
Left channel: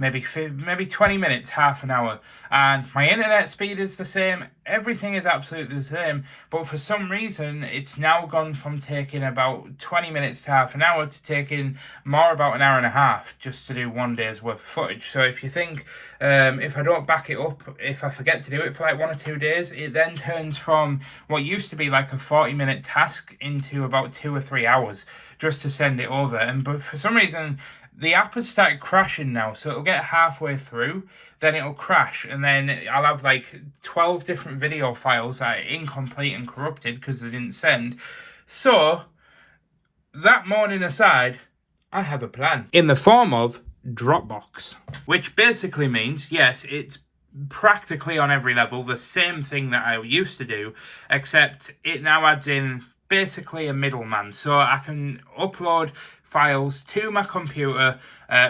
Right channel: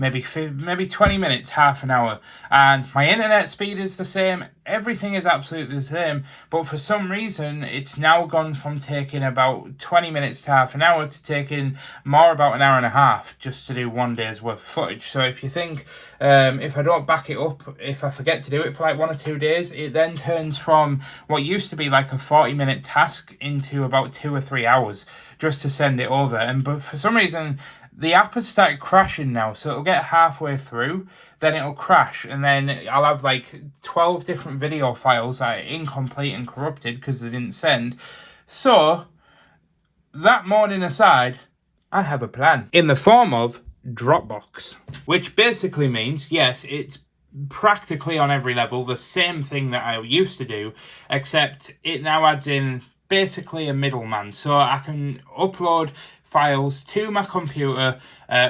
maybe 20 minutes, half an hour. And my internet speed is the same, everything is absolutely the same, but for some reason it's now gone from taking about 20 minutes to half an hour to taking more about an hour and a half just to do 1 day's worth of footage. So if you think, if I don't back it up, if I forget to do it for like 1 or 2 days, it then turns from what used to be like a 40-minute task into about 2 or 3 hours just to send it over. But for some reason, the app has started crashing now, so it'll get halfway through, then it'll crash, and then I'll have like 12 different video files that are incomplete and corrupted because they didn't send. So, that morning aside, I have a plan. In the form of Dropbox. Which basically means, yes, it's practically on every level the same thing that I used to do, except it now adds in basically a middleman. So I can upload files to my computer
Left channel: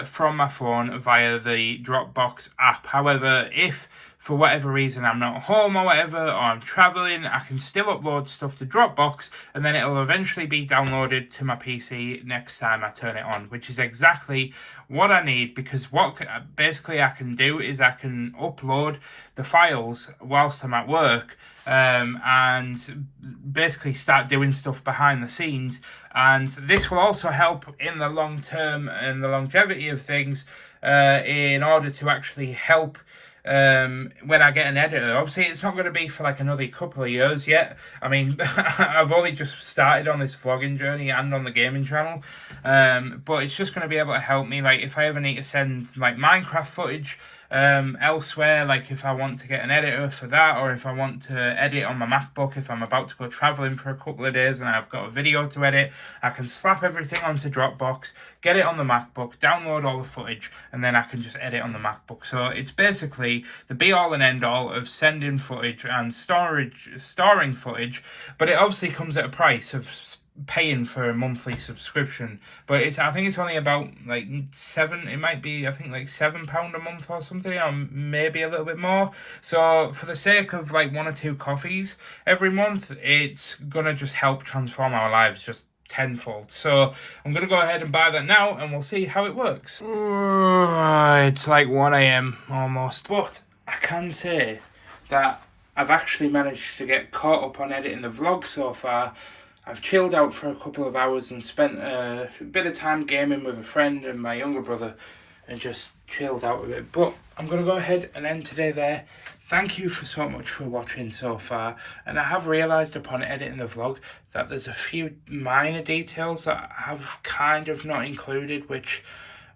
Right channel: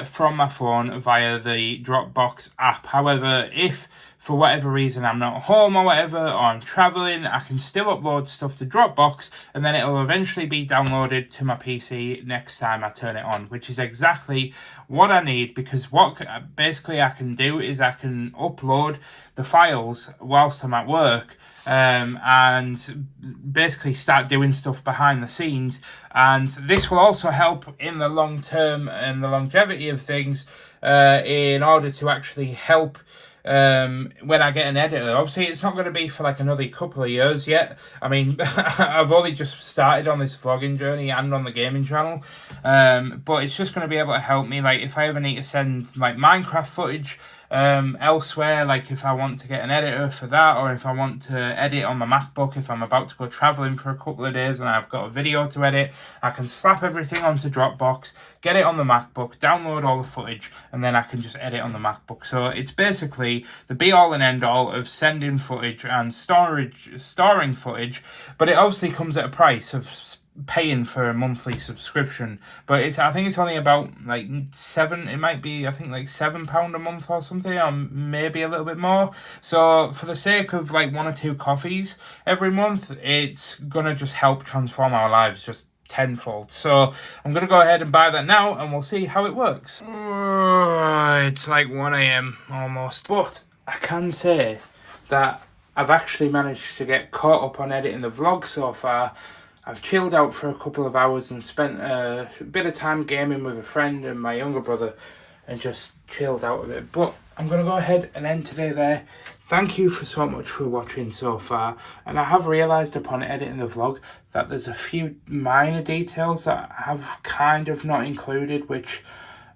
from my phone via the Dropbox app. However, if for whatever reason I'm not home or whatever, or I'm traveling, I can still upload stuff to Dropbox, and then it'll eventually be downloaded to my PC next time I turn it on, which is exactly what I need, because what basically I can do is I can upload the files whilst I'm at work, and basically start doing stuff behind the scenes. And this will also help in the long term and the longevity of things, in order to actually help when I get an editor. Obviously, it's not going to be for like another couple of years yet. I mean, I've only just started on this vlogging journey and on the gaming channel, but it's just going to be able to help me, like if I ever need to send like Minecraft footage elsewhere, like if I want to get an editor for that, or if I want to edit on my MacBook, if I'm about to go traveling for a couple of days and I've got a video to edit, I can slap everything onto Dropbox, get it on the MacBook, download all the footage, and then I can just edit on the MacBook. So it's basically the be all and end all of sending footage and storing footage, but it obviously comes at a price of paying for a monthly subscription. But I think it's only about like it might be, I think like £7 a month or something, or maybe a little bit more. So for the sake of like 1 or 2 coffees every month, it's gonna just help transform our lives just tenfold. So I'm gonna go ahead and buy that now, and we'll see how it works. It's like 1 AM almost, but I can say that I've actually managed to get caught up on editing the vlog so far. I've chilled out for a couple of hours and spent a bit of time gaming with a friend and my younger brother, and just chilled out a bit. But I'm going to go ahead and end today there. Thank you for so much for watching so far. And I have realised upon editing the vlog that there's a few minor details that I have kind of not included, which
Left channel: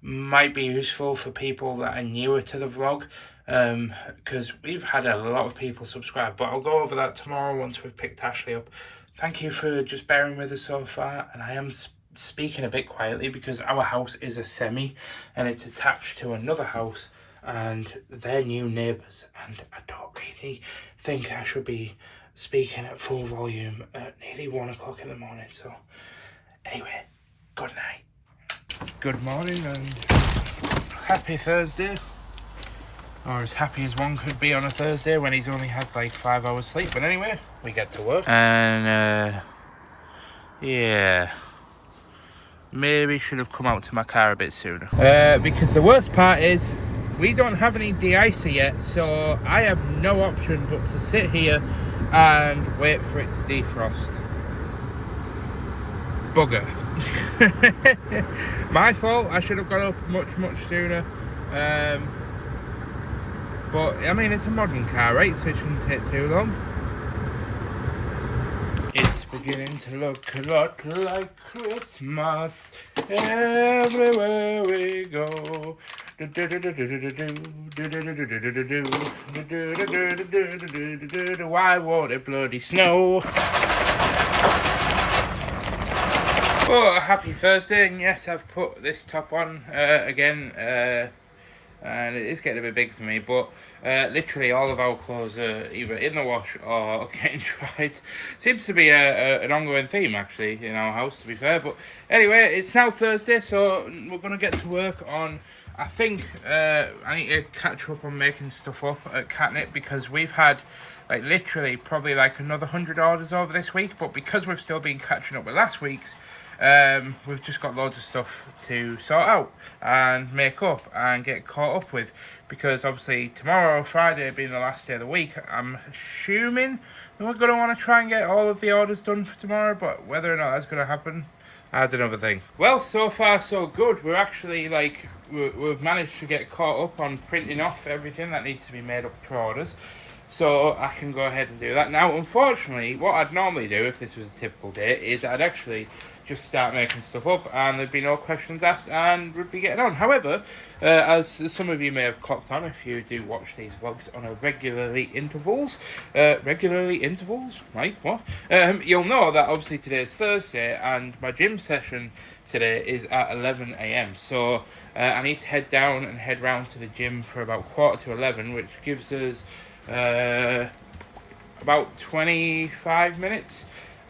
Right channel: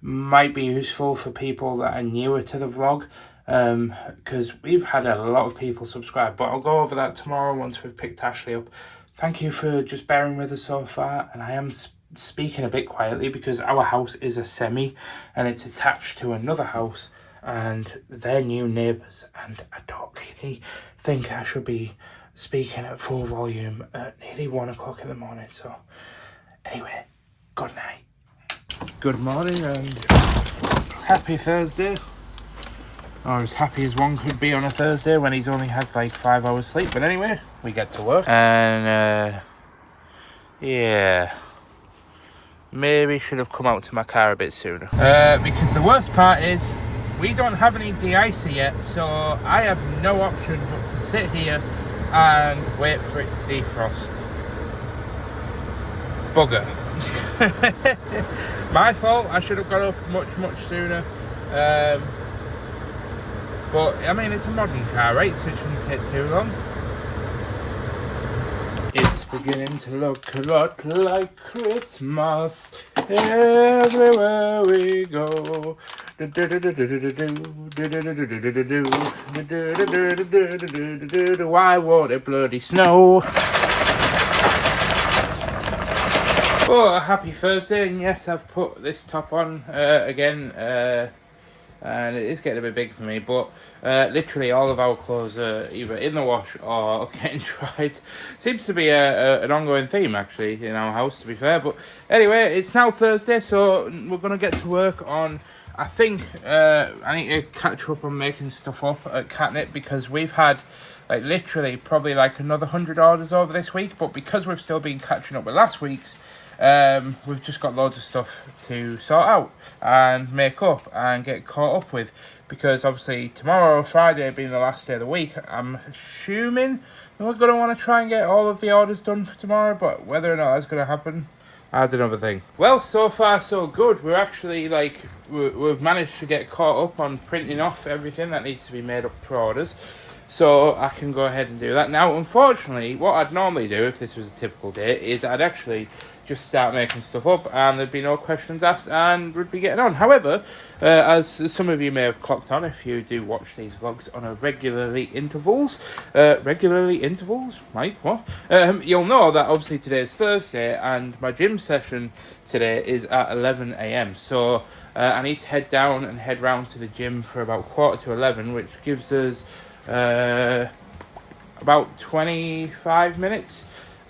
might be useful for people that are newer to the vlog. Because we've had a lot of people subscribe, but I'll go over that tomorrow once we've picked Ashley up. Thank you for just bearing with us so far, and I am speaking a bit quietly because our house is a semi and it's attached to another house and they're new neighbours, and I don't really think I should be speaking at full volume at nearly 1 o'clock in the morning. So anyway, good night. Good morning and happy Thursday. Or as happy as one could be on a Thursday when he's only had like 5 hours sleep. But anyway, we get to work. And yeah, maybe should have come out to my car a bit sooner. Because the worst part is we don't have any de-icer yet, so I have no option but to sit here and wait for it to defrost. Bugger. My fault. I should have got up much sooner. But, I mean, it's a modern car, right? So it shouldn't take too long. It's beginning to look a lot like Christmas everywhere we go. Why won't it bloody snow? Oh, happy Thursday, and yes, I've put this top on again. and it is getting a bit big for me, but literally all of our clothes are either in the wash or getting dried. Seems to be an ongoing theme, actually, in our house, to be fair. But anyway, it's now Thursday, so we're going to get to work on, I think, I need to catch up on making stuff up at Katnipp, because we've had, like, literally probably like another 100 orders over this week, but because we've still been catching up with last week's, we've just got loads of stuff to sort out and make up and get caught up with, because obviously tomorrow, Friday, being the last day of the week, I'm assuming that we're going to want to try and get all of the orders done for tomorrow, but whether or not that's going to happen, that's another thing. Well, so far so good. We're actually, like, we've managed to get caught up on printing off everything that needs to be made up for orders, so I can go ahead and do that. Now, unfortunately, what I'd normally do if this was a typical day is I'd actually just start making stuff up and there'd be no questions asked and we'd be getting on. However, as some of you may have clocked on if you do watch these vlogs on a regularly intervals, Mike, what? You'll know that obviously today's Thursday and my gym session today is at 11 a.m. So I need to head down and head round to the gym for about 11:15, which gives us about 25 minutes.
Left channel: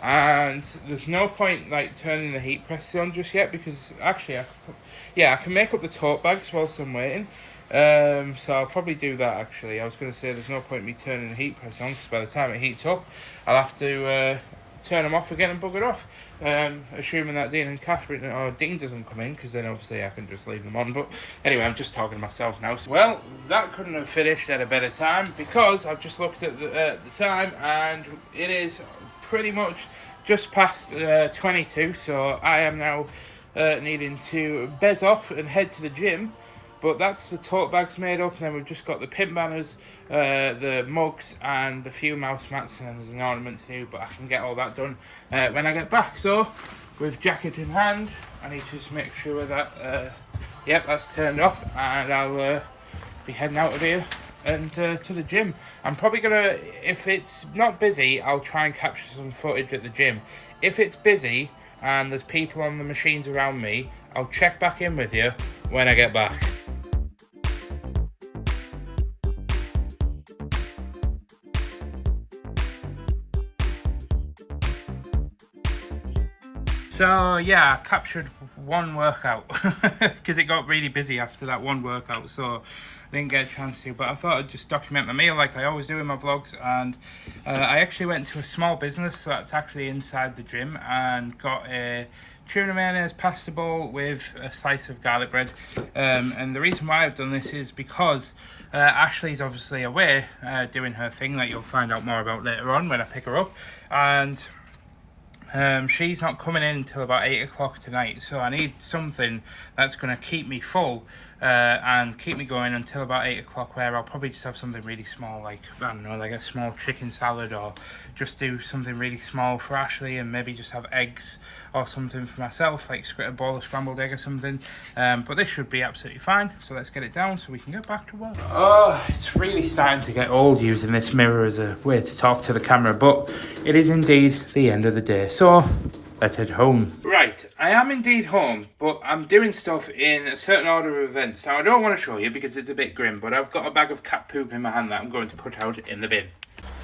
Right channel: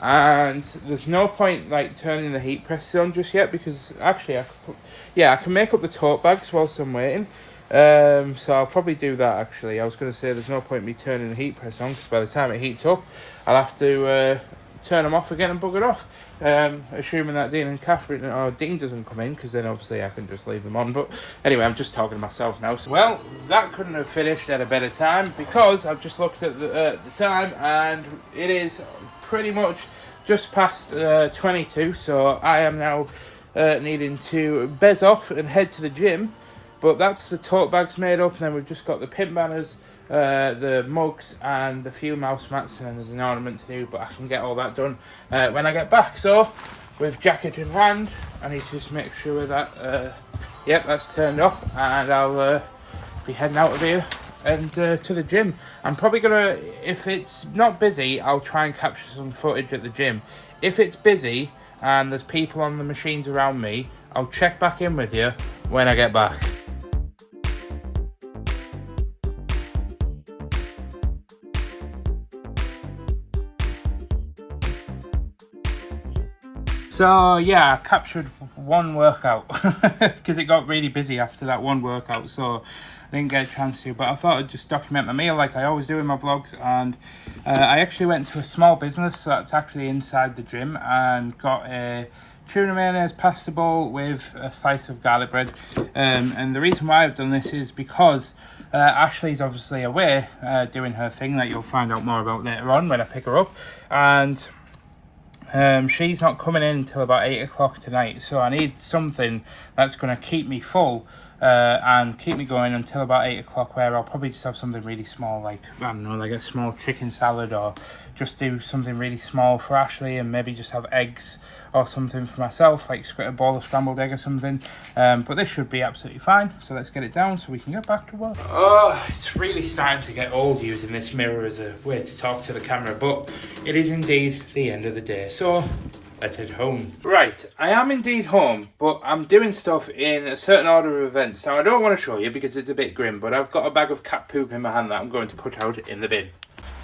And there's no point like turning the heat presses on just yet, because actually I can make up the tote bags whilst I'm waiting. So I'll probably do that actually. I was going to say there's no point me turning the heat press on, because by the time it heats up I'll have to turn them off again and bugger off. Assuming that Dean and Catherine, or Dean doesn't come in, because then obviously I can just leave them on. But anyway, I'm just talking to myself now. Well, that couldn't have finished at a better time, because I've just looked at the time and it is pretty much just past 22, so I am now needing to bez off and head to the gym. But that's the tote bags made up, and then we've just got the pin banners, the mugs, and a few mouse mats, and there's an ornament to do, but I can get all that done when I get back. So, with jacket in hand, I need to just make sure that, yep, that's turned off, and I'll be heading out of here and to the gym. I'm probably gonna, if it's not busy, I'll try and capture some footage at the gym. If it's busy and there's people on the machines around me, I'll check back in with you when I get back. So yeah, I captured one workout because it got really busy after that one workout, so I didn't get a chance to, but I thought I'd just document my meal like I always do in my vlogs. And I actually went to a small business that's actually inside the gym and got a tuna mayonnaise pasta bowl with a slice of garlic bread. And the reason why I've done this is because Ashley's obviously away doing her thing that you'll find out more about later on when I pick her up, and she's not coming in until about 8 o'clock tonight, so I need something that's going to keep me full and keep me going until about 8 o'clock, where I'll probably just have something really small, like, I don't know, like a small chicken salad, or just do something really small for Ashley, and maybe just have eggs or something for myself, like a bowl of scrambled egg or something. But this should be absolutely fine, so let's get it down so we can get back to work. Oh, it's really starting to get old using this mirror as a way to talk to the camera, but it is indeed the end of the day, so let's head home. Right, I am indeed home, but I'm doing stuff in a certain order of events. Now, I don't want to show you because it's a bit grim, but I've got a bag of cat poop in my hand that I'm going to put out in the bin.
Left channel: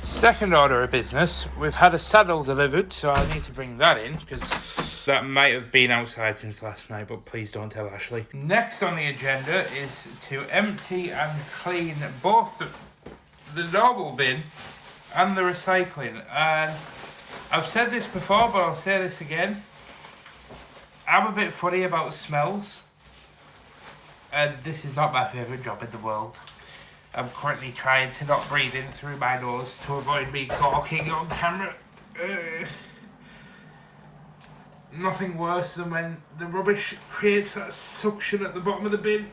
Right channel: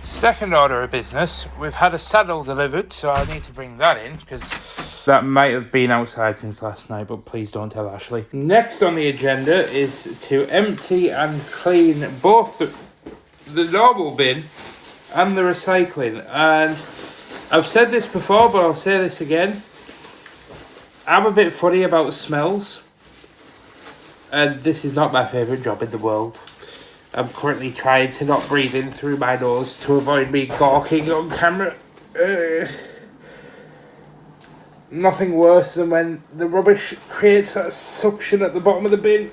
Second order of business, we've had a saddle delivered, so I need to bring that in, because that might have been outside since last night, but please don't tell Ashley. Next on the agenda is to empty and clean both the normal bin and the recycling. And I've said this before, but I'll say this again. I'm a bit funny about smells, and this is not my favourite job in the world. I'm currently trying to not breathe in through my nose to avoid me gawking on camera. Nothing worse than when the rubbish creates that suction at the bottom of the bin.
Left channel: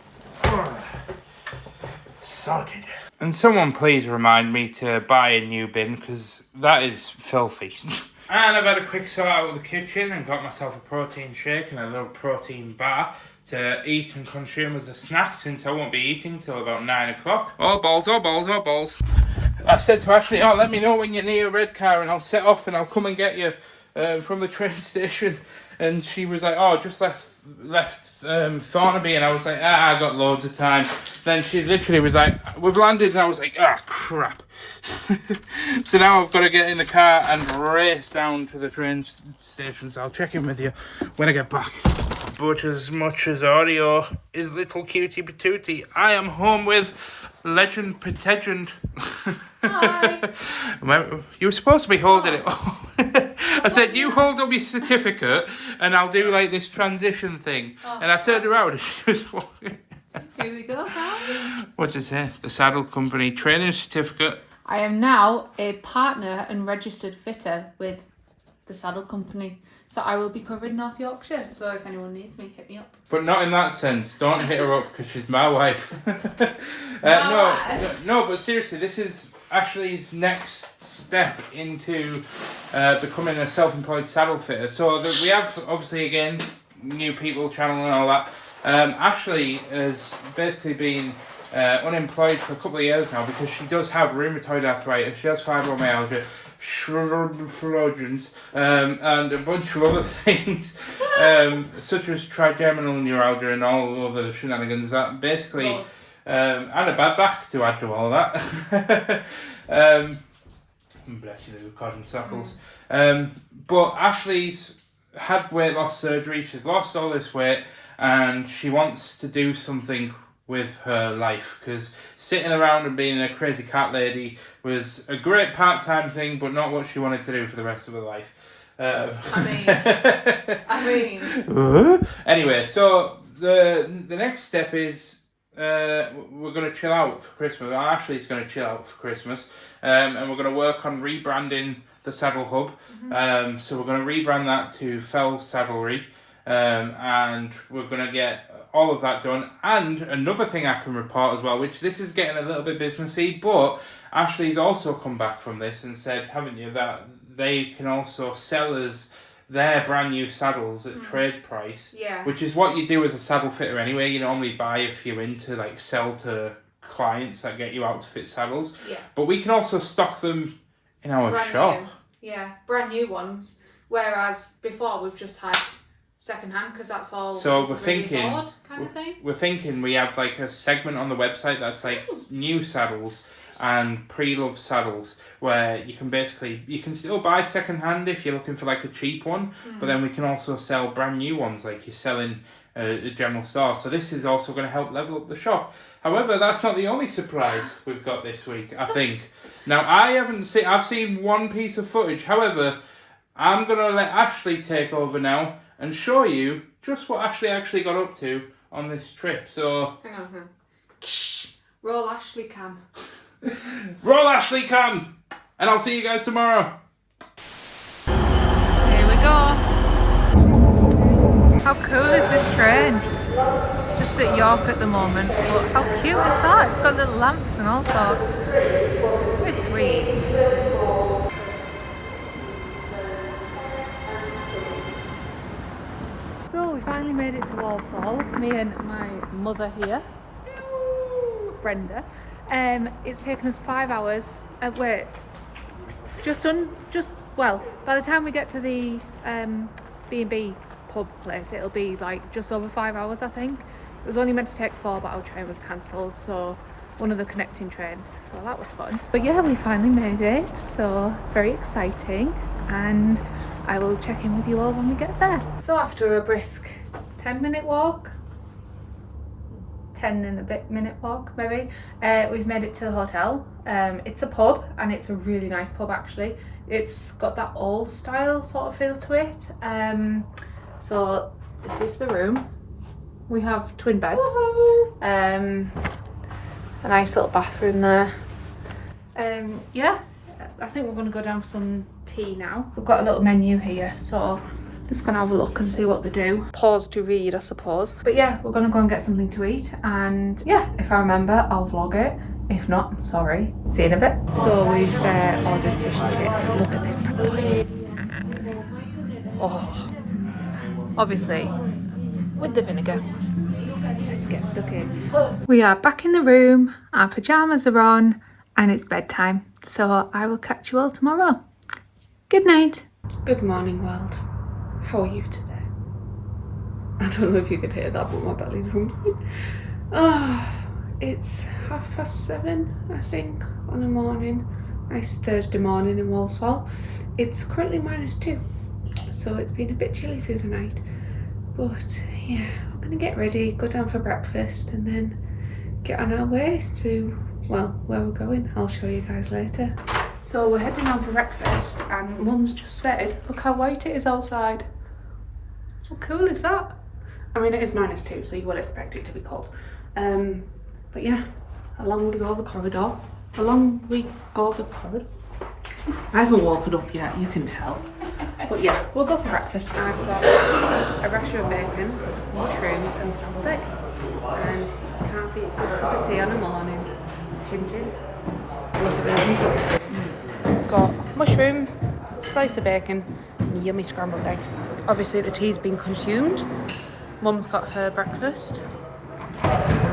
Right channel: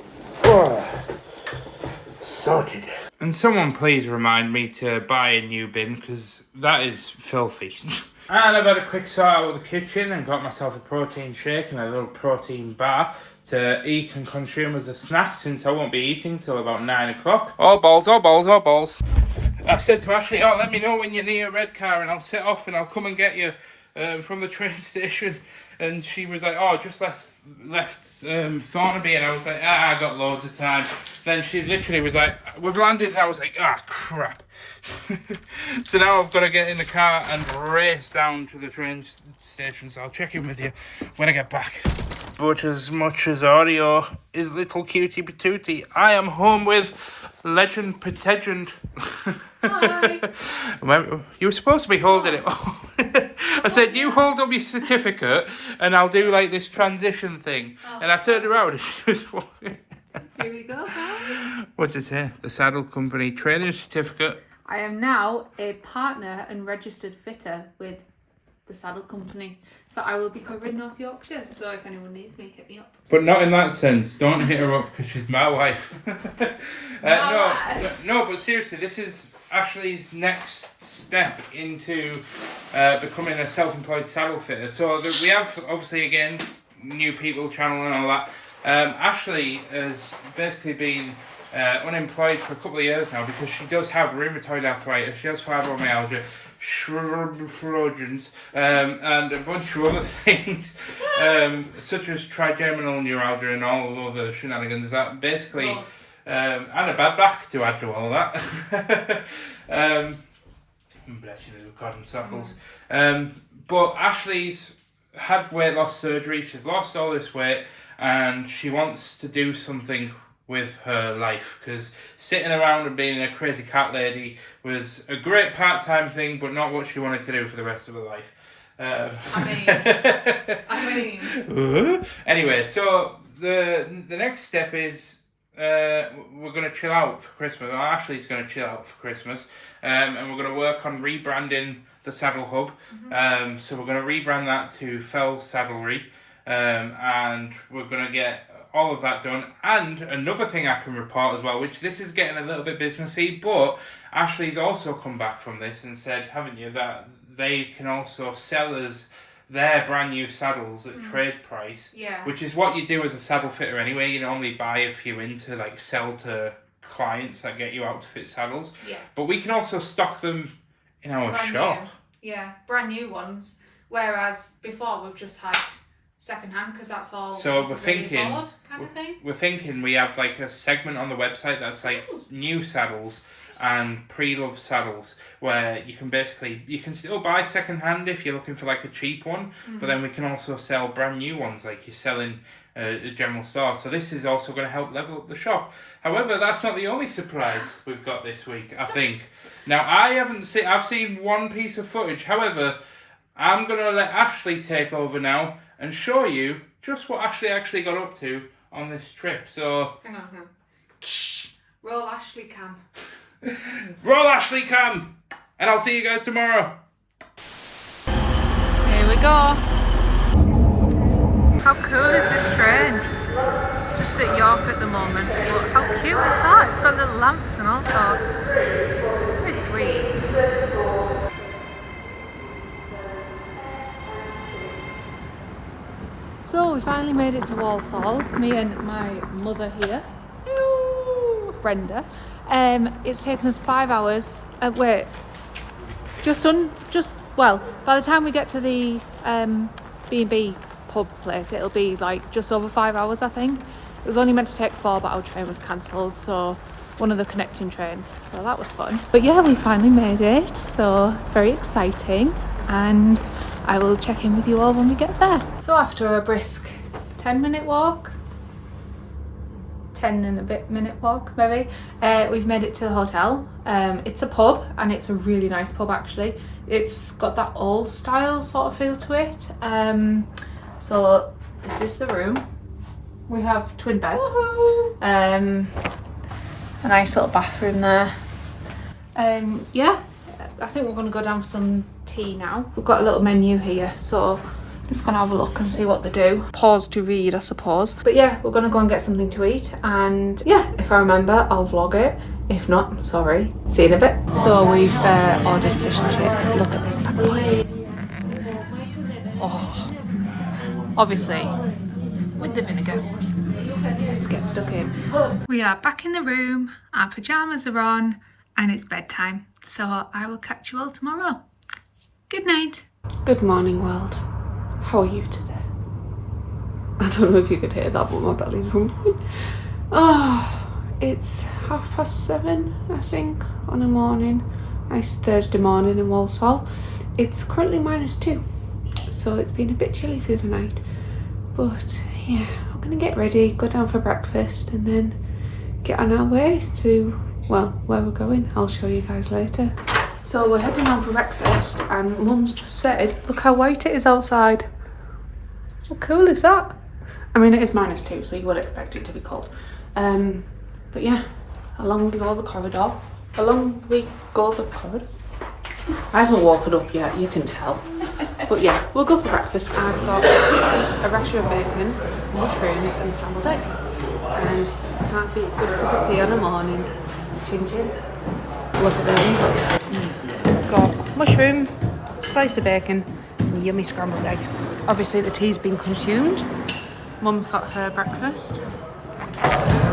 Sorted. And someone please remind me to buy a new bin, because that is filthy. And I've had a quick sort out of the kitchen and got myself a protein shake and a little protein bar to eat and consume as a snack, since I won't be eating till about 9 o'clock. Oh balls, oh balls, oh balls. I said to Ashley, oh, let me know when you're near a red car and I'll set off and I'll come and get you. from the train station, and she was like, "Oh, just left Thornaby," and I was like, "I got loads of time." Then she literally was like, "We've landed," and I was like, "Ah, crap." So now I've got to get in the car and race down to the train station. So I'll check in with you when I get back. But as much as audio is little cutie patootie, I am home with Legend Pategend. Hi. You were supposed to be holding it. I said, you hold up your certificate and I'll do like this transition thing. And I turned around and she was walking. Here we go, guys. What's it here? The Saddle Company training certificate. I am now a partner and registered fitter with the Saddle Company. So I will be covering North Yorkshire. So if anyone needs me, hit me up. But not in that sense. Don't hit her up because she's my wife. No, but seriously, this is Ashley's next step into becoming a self-employed saddle fitter. So we have, obviously, again, new people channel and all that. Ashley has basically been unemployed for a couple of years now because she does have rheumatoid arthritis. She has fibromyalgia, Schrödinger's, and a bunch of other things, such as trigeminal neuralgia and all other shenanigans that basically, and a bad back to add to all that. Bless you, little cotton suckles. But Ashley's had weight loss surgery. She's lost all this weight, and she wants to do something with her life, because sitting around and being a crazy cat lady was a great part-time thing, but not what she wanted to do for the rest of her life. Anyway, so the next step is we're going to chill out for Christmas. Well, Ashley's going to chill out for Christmas, and we're going to work on rebranding the Saddle Hub. So we're going to rebrand that to Fell Saddlery, and we're going to get all of that done. And another thing I can report as well, which this is getting a little bit businessy, but Ashley's also come back from this and said, haven't you, that they can also sell us their brand new saddles at trade price, which is what you do as a saddle fitter anyway. You normally buy a few in to like sell to clients that get you out to fit saddles, but we can also stock them in our shop. Brand new ones, whereas before we've just had secondhand, because that's all. So we're thinking, kind of thing. We're thinking we have like a segment on the website that's like new saddles and pre-loved saddles, where you can still buy secondhand if you're looking for like a cheap one, but then we can also sell brand new ones like you're selling a general store. So this is also going to help level up the shop. However, that's not the only surprise we've got this week, I think. Now, I've seen one piece of footage. However, I'm going to let Ashley take over now and show you just what Ashley actually got up to on this trip. So, hang on. Roll Ashley cam. Roll Ashley cam! And I'll see you guys tomorrow. Here we go. How cool is this train? Just at York at the moment. But how cute is that? It's got little lamps and all sorts. Very sweet. So we finally made it to Walsall, me and my mother here, Brenda. It's taken us 5 hours. By the time we get to the B&B pub place, it'll be like just over 5 hours, I think. It was only meant to take 4, but our train was cancelled, so one of the connecting trains, so that was fun. But yeah, we finally made it, so very exciting, and I will check in with you all when we get there. So after a brisk 10-minute walk, 10 and a bit minute walk maybe, we've made it to the hotel. It's a pub, and it's a really nice pub actually. It's got that old style sort of feel to it. So this is the room. We have twin beds. A nice little bathroom there. Yeah, I think we're going to go down for some tea now. We've got a little menu here, so just gonna have a look and see what they do. Pause to read, I suppose. But yeah, we're gonna go and get something to eat, and yeah, if I remember, I'll vlog it. If not, sorry. See you in a bit. So we've ordered fish and chips. Look at this bad boy. Oh, obviously with the vinegar. Let's get stuck in. We are back in the room. Our pajamas are on, and it's bedtime. So I will catch you all tomorrow. Good night. Good morning, world. How are you today? I don't know if you could hear that, but my belly's rumbling. It's 7:30, I think, on a morning. Nice Thursday morning in Walsall. It's currently -2, so it's been a bit chilly through the night. But yeah, I'm gonna get ready, go down for breakfast, and then get on our way to, well, where we're going. I'll show you guys later. So we're heading down for breakfast, and Mum's just said, look how white it is outside. How cool is that? I mean, it is -2, so you would expect it to be cold. But yeah, along we go the corridor. I haven't woken up yet, you can tell. But yeah, we'll go for breakfast. I've got a rasher of bacon, mushrooms and scrambled egg. And can't beat a good cup of tea on a morning. Chin chin. Look at this. Got mushroom, slice of bacon, and yummy scrambled egg. Obviously the tea's been consumed. Mum's got her breakfast.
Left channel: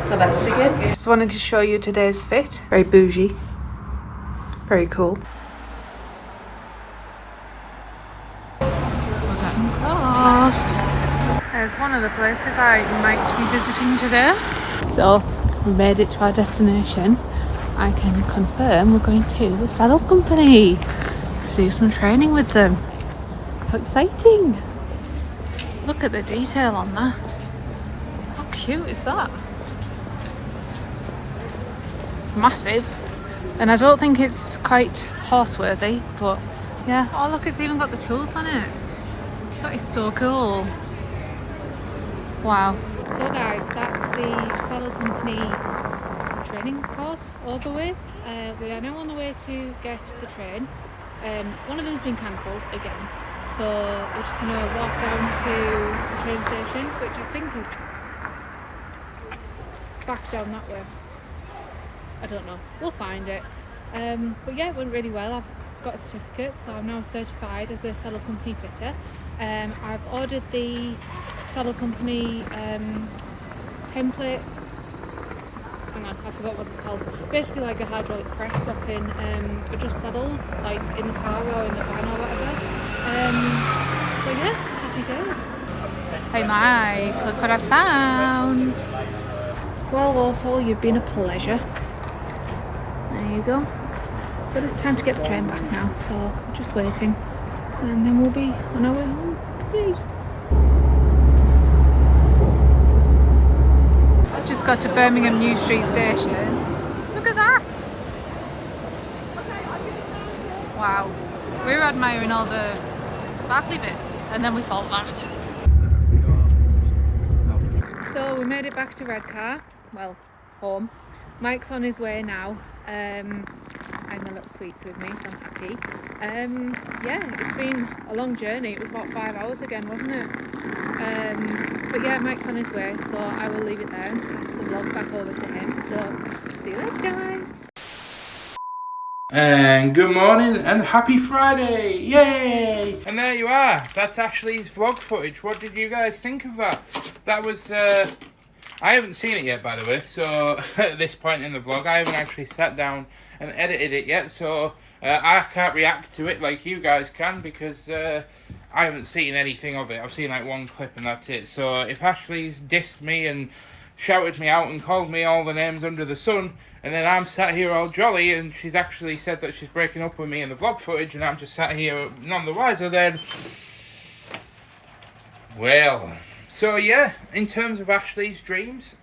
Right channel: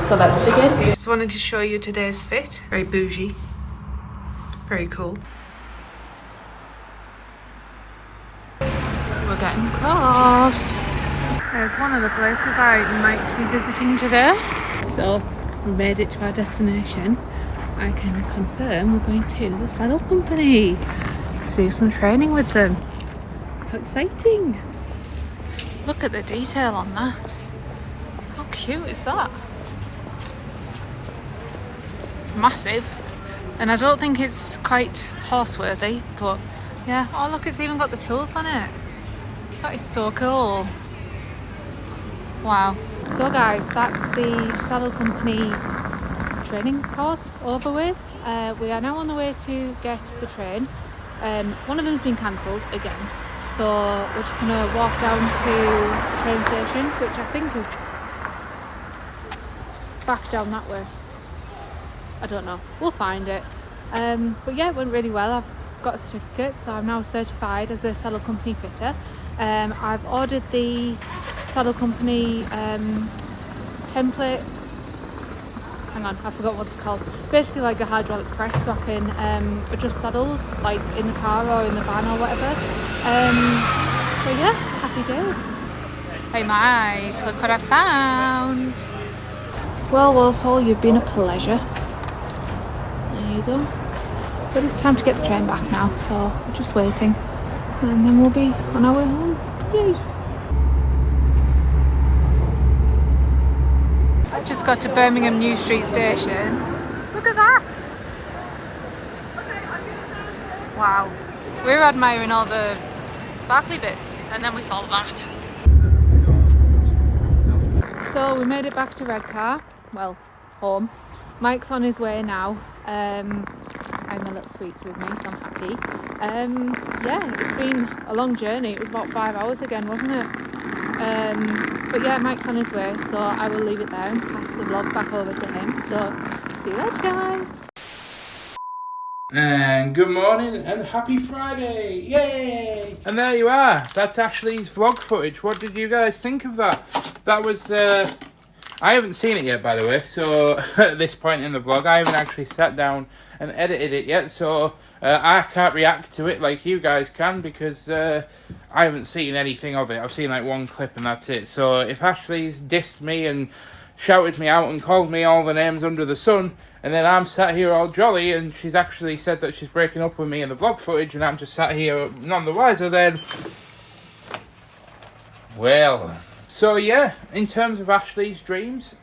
So let's dig in. Just wanted to show you today's fit. Very bougie. Very cool. We're getting close. There's one of the places I might be visiting today. So we made it to our destination. I can confirm we're going to the saddle company to do some training with them. How exciting! Look at the detail on that. How cute is that? It's massive, and I don't think it's quite horse-worthy, but yeah. Oh look, it's even got the tools on it. That is so cool. Wow. So guys, that's the saddle company training course over with. We are now on the way to get the train. One of them's been cancelled again, so we're just gonna walk down to the train station, which I think is back down that way. I don't know, we'll find it. But yeah, it went really well. I've got a certificate, so I'm now certified as a saddle company fitter. I've ordered the saddle company template. Hang on, I forgot what it's called. Basically like a hydraulic press, so I can adjust saddles like in the car or in the van or whatever. So yeah, happy days. Hey Mike, look what I found. Well, Walsall, you've been a pleasure. There you go. But it's time to get the train back now, so we're just waiting. And then we'll be on our way home. Yay! Just got to Birmingham New Street Station. Look at that! Wow. We were admiring all the sparkly bits, and then we saw that. So we made it back to Redcar. Well, home. Mike's on his way now. I'm a little sweets with me, so I'm happy. Yeah, it's been a long journey. It was about 5 hours again, wasn't it? But yeah, Mike's on his way, so I will leave it there and pass the vlog back over to him. So, see you later, guys. And good morning and happy Friday! Yay! And there you are. That's Ashley's vlog footage. What did you guys think of that? That was, I haven't seen it yet, by the way, so at this point in the vlog, I haven't actually sat down and edited it yet, so I can't react to it like you guys can, because I haven't seen anything of it. I've seen like one clip and that's it. So if Ashley's dissed me and shouted me out and called me all the names under the sun, and then I'm sat here all jolly, and she's actually said that she's breaking up with me in the vlog footage, and I'm just sat here none the wiser, then, well. So yeah, in terms of Ashley's dreams,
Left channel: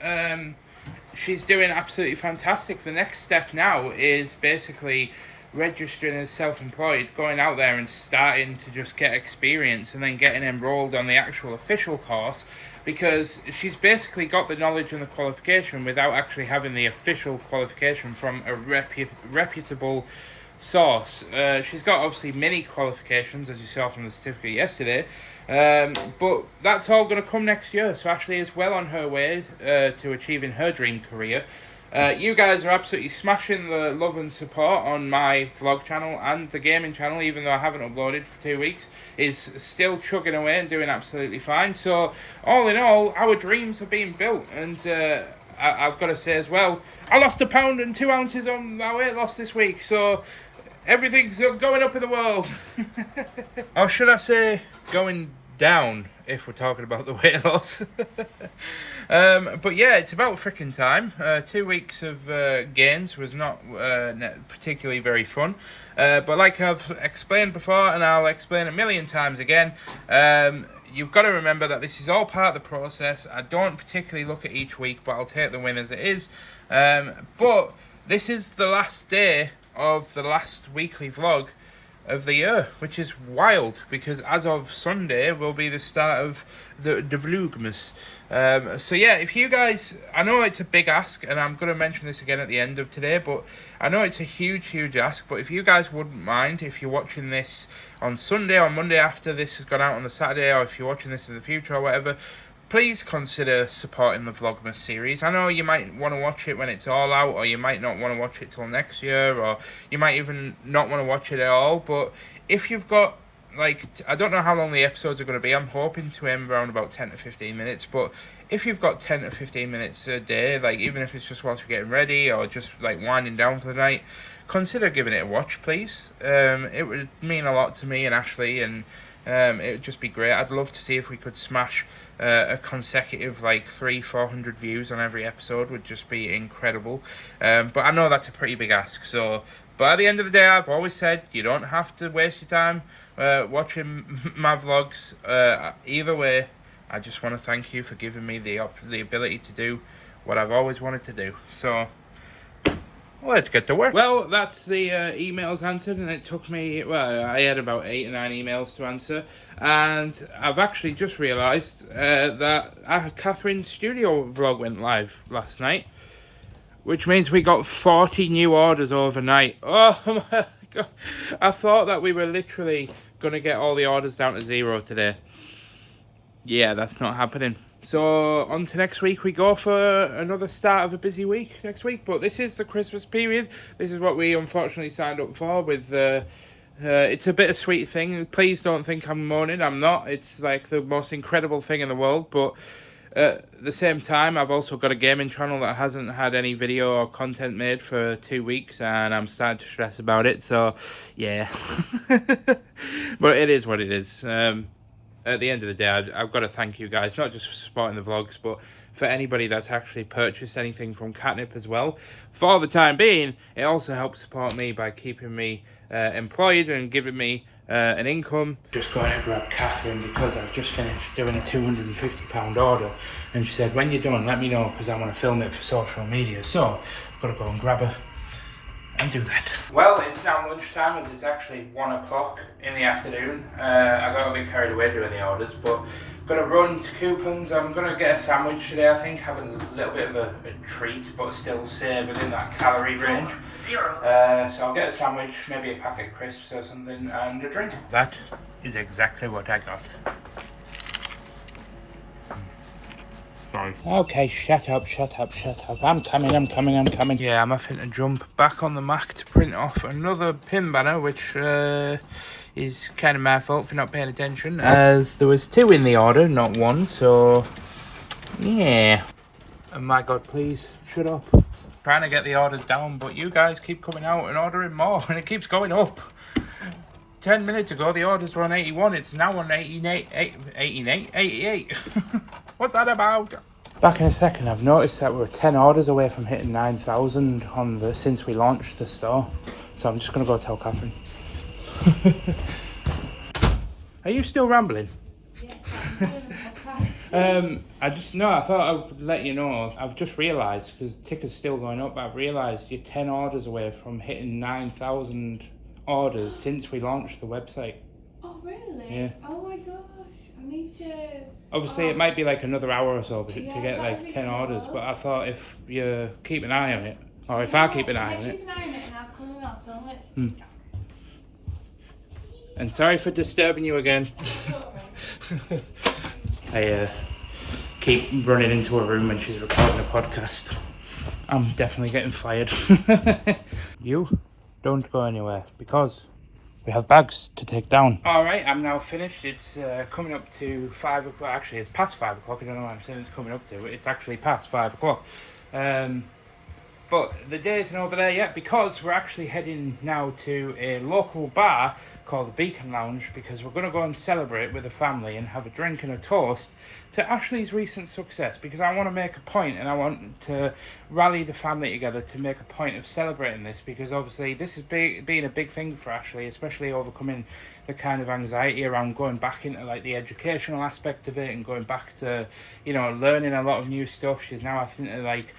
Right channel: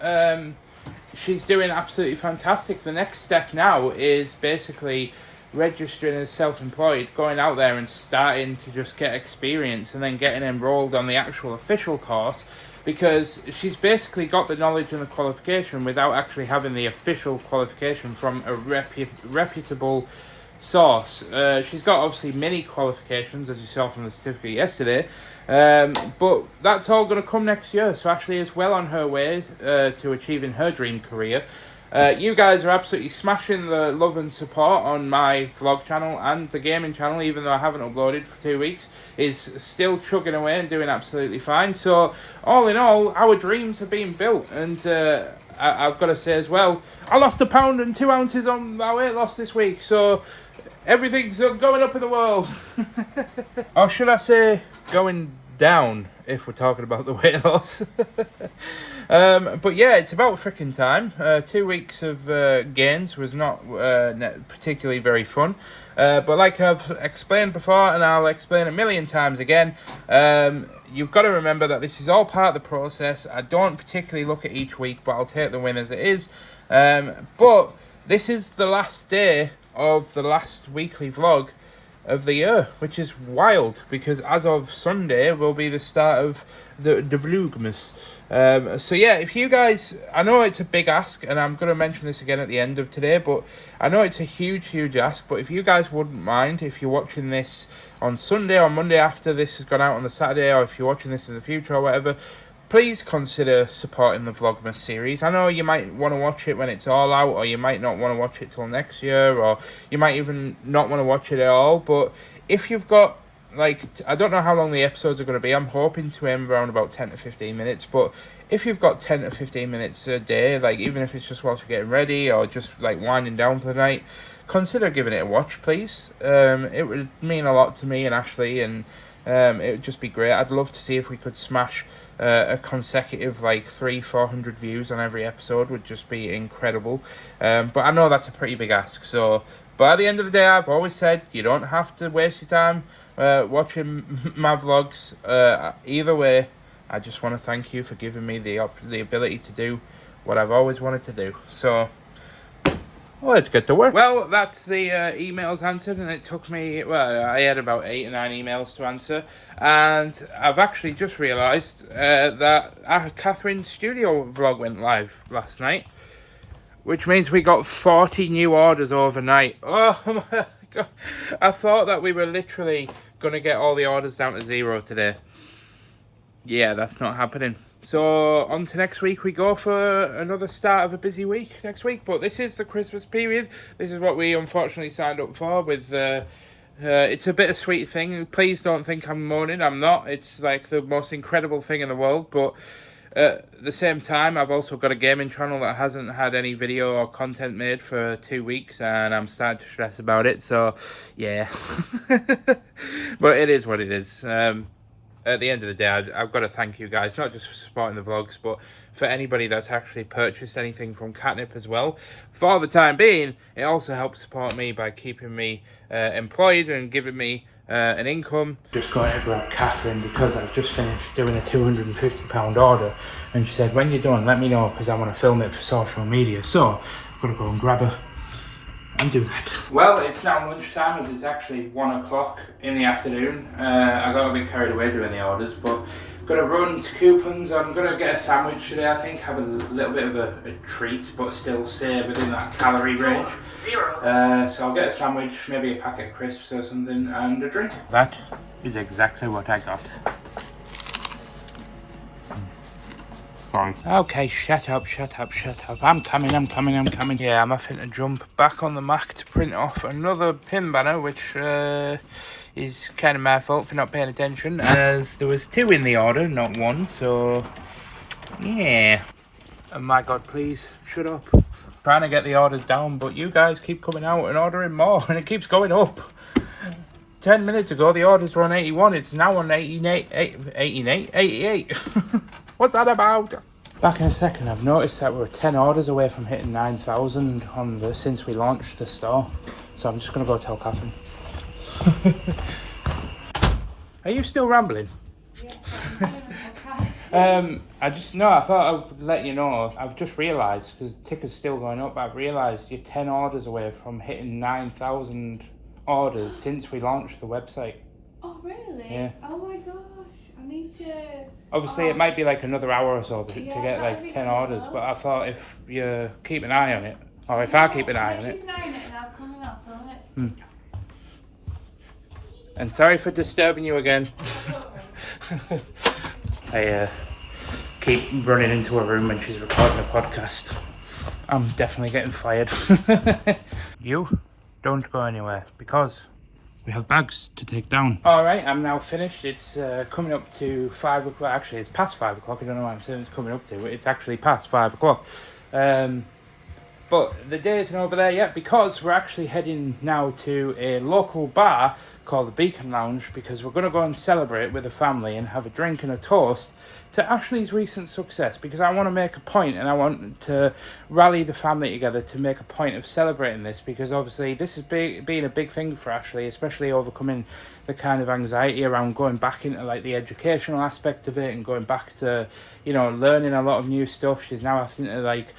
she's doing absolutely fantastic. The next step now is basically registering as self-employed, going out there and starting to just get experience, and then getting enrolled on the actual official course, because she's basically got the knowledge and the qualification without actually having the official qualification from a reputable source. She's got obviously many qualifications, as you saw from the certificate yesterday, but that's all going to come next year. So Ashley is well on her way to achieving her dream career. You guys are absolutely smashing the love and support on my vlog channel, and the gaming channel, even though I haven't uploaded for 2 weeks, is still chugging away and doing absolutely fine. So all in all, our dreams are being built, and I've got to say as well, I lost 1 pound and 2 ounces on my weight loss this week, so everything's going up in the world. Or should I say going down, if we're talking about the weight loss. But yeah, it's about freaking time. 2 weeks of gains was not particularly very fun. But like I've explained before, and I'll explain a million times again, you've got to remember that this is all part of the process. I don't particularly look at each week, but I'll take the win as it is. But this is the last day of the last weekly vlog of the year, which is wild, because as of Sunday will be the start of the vlogmas. So yeah, if you guys, I know it's a big ask, and I'm going to mention this again at the end of today, but I know it's a huge ask, but if you guys wouldn't mind, if you're watching this on Sunday or Monday after this has gone out on the Saturday, or if you're watching this in the future or whatever, please consider supporting the Vlogmas series. I know you might want to watch it when it's all out, or you might not want to watch it till next year, or you might even not want to watch it at all, but if you've got, like, I don't know how long the episodes are going to be. I'm hoping to aim around about 10 to 15 minutes, but if you've got 10 to 15 minutes a day, like, even if it's just whilst you're getting ready, or just, like, winding down for the night, consider giving it a watch, please. It would mean a lot to me and Ashley, and it would just be great. I'd love to see if we could smash a consecutive like 300-400 views on every episode. Would just be incredible. But I know that's a pretty big ask, so but at the end of the day, I've always said you don't have to waste your time watching my vlogs. Either way, I just want to thank you for giving me the ability to do what I've always wanted to do. So well, let's get to work. Well, that's the emails answered, and it took me, well, I had about 8 or 9 emails to answer, and I've actually just realised that Catherine's studio vlog went live last night, which means we got 40 new orders overnight. Oh my God. I thought that we were literally going to get all the orders down to 0 today. Yeah, that's not happening. So on to next week we go for another start of a busy week next week. But this is the Christmas period. This is what we unfortunately signed up for. With it's a bittersweet thing. Please don't think I'm moaning. I'm not. It's like the most incredible thing in the world. But at the same time, I've also got a gaming channel that hasn't had any video or content made for 2 weeks, and I'm starting to stress about it. So yeah, but it is what it is. At the end of the day, I've got to thank you guys, not just for supporting the vlogs, but for anybody that's actually purchased anything from Katnipp as well. For the time being, it also helps support me by keeping me employed and giving me an income. Just going to grab Catherine because I've just finished doing a £250 order, and she said, when you're done, let me know, because I want to film it for social media. So I've got to go and grab her and do that. Well, it's now lunchtime, as it's actually 1 o'clock in the afternoon. I got a bit carried away doing the orders, but gonna run to Coupons. I'm gonna get a sandwich today, I think, have a little bit of a treat, but still stay within that calorie range. 0. So I'll get a sandwich, maybe a packet of crisps or something, and a drink. That is exactly what I got. Sorry. Okay, shut up. I'm coming. Yeah, I'm having to jump back on the Mac to print off another pin banner, which is kind of my fault for not paying attention, as there was 2 in the order, not 1, so yeah. Oh my God, please, shut up. Trying to get the orders down, but you guys keep coming out and ordering more, and it keeps going up. 10 minutes ago, the orders were on 81. It's now on 88. What's that about? Back in a second. I've noticed that we're 10 orders away from hitting 9,000 on since we launched the store. So I'm just going to go tell Catherine. Are you still rambling? Yes, I'm I thought I would let you know. I've just realised, because the ticker's still going up, I've realised you're 10 orders away from hitting 9,000 orders since we launched the website. Oh, really? Yeah. Oh my gosh, I need to... Obviously, it might be like another hour or so to get like 10 orders, but I thought if you keep an eye on it, or if I keep an eye on it. Keep an eye on it and I'll come and I'll film it. And sorry for disturbing you again. I keep running into her room when she's recording a podcast. I'm definitely getting fired. You don't go anywhere, because we have bags to take down. Alright, I'm now finished. It's coming up to 5 o'clock. Actually, it's past 5 o'clock. I don't know why I'm saying it's coming up to. It's actually past 5 o'clock. But the day isn't over there yet because we're actually heading now to a local bar called the Beacon Lounge because we're going to go and celebrate with the family and have a drink and a toast to Ashley's recent success, because I want to make a point and I want to rally the family together to make a point of celebrating this, because obviously this has been a big thing for Ashley, especially overcoming the kind of anxiety around going back into like the educational aspect of it and going back to, you know, learning a lot of new stuff. She's now having to like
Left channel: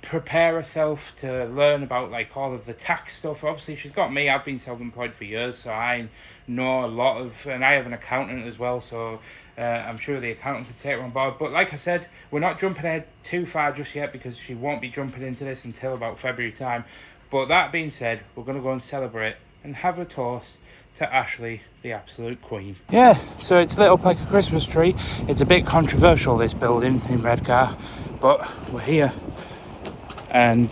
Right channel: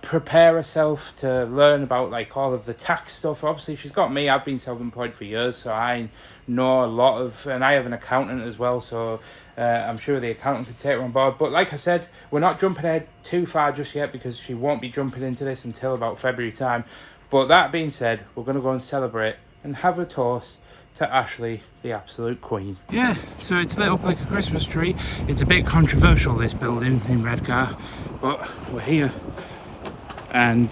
prepare herself to learn about like all of the tax stuff. Obviously she's got me, I've been self-employed for years, so I know a lot of, and I have an accountant as well, so I'm sure the accountant could take her on board. But like I said, we're not jumping ahead too far just yet because she won't be jumping into this until about February time. But that being said, we're going to go and celebrate and have a toast to Ashley, the absolute queen. Yeah, so it's lit up like a Christmas tree. It's a bit controversial, this building in Redcar, but we're here. And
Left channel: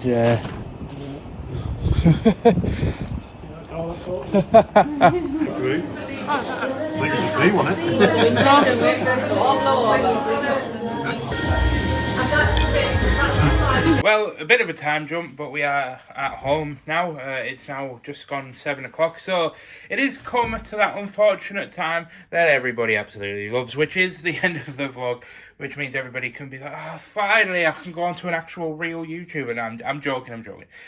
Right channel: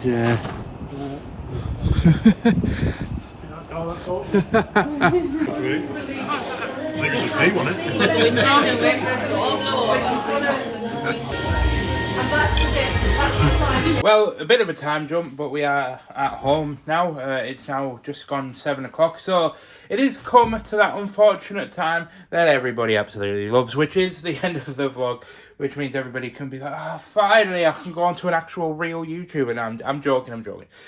well, a bit of a time jump, but we are at home now. It's now just gone 7 o'clock, so it is come to that unfortunate time that everybody absolutely loves, which is the end of the vlog, which means everybody can be like, ah, finally I can go on to an actual real YouTuber. And I'm joking.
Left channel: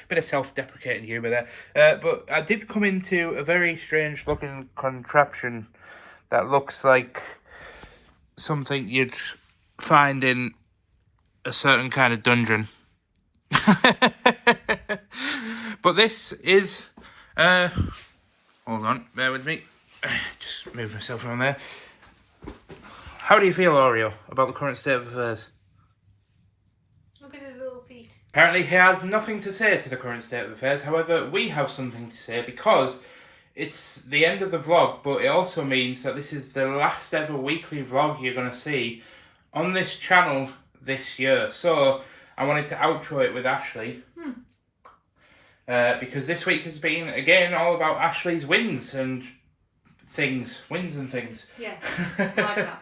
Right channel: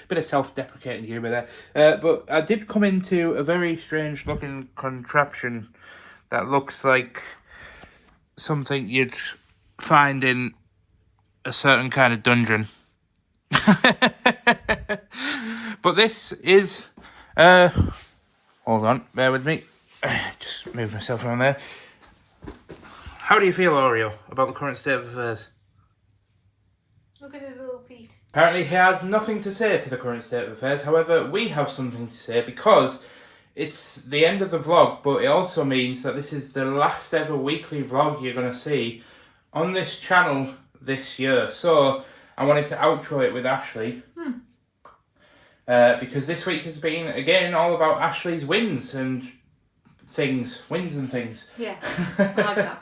Bit of self-deprecating humour there. But I did come into a very strange looking contraption that looks like something you'd find in a certain kind of dungeon. But this is hold on, bear with me, just move myself around there. How do you feel, Oreo, about the current state of affairs? Look at his little feet. Apparently he has nothing to say to the current state of affairs. However, we have something to say because it's the end of the vlog, but it also means that this is the last ever weekly vlog you're going to see on this channel this year. So I wanted to outro it with Ashley. Because this week has been, again, all about Ashley's wins and things. Yeah, I like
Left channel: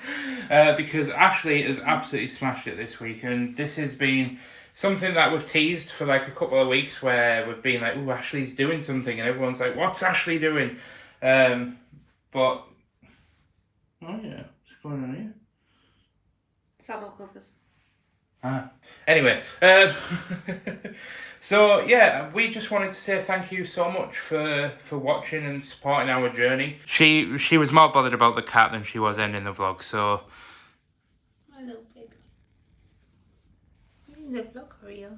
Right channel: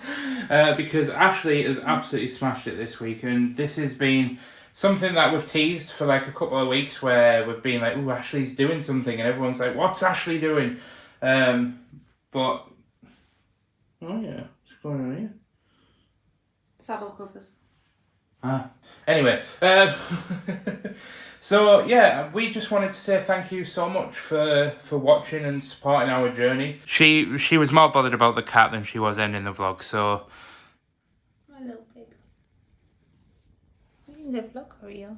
that. Because Ashley has absolutely smashed it this week, and this has been something that we've teased for like a couple of weeks, where we've been like, "Ooh, Ashley's doing something," and everyone's like, "What's Ashley doing?" But oh yeah, what's going on here? Saddle covers. Anyway, so yeah, we just wanted to say thank you so much for watching and supporting our journey. She was more bothered about the cat than she was ending the vlog, so. My little baby. You in the vlog, Oreo.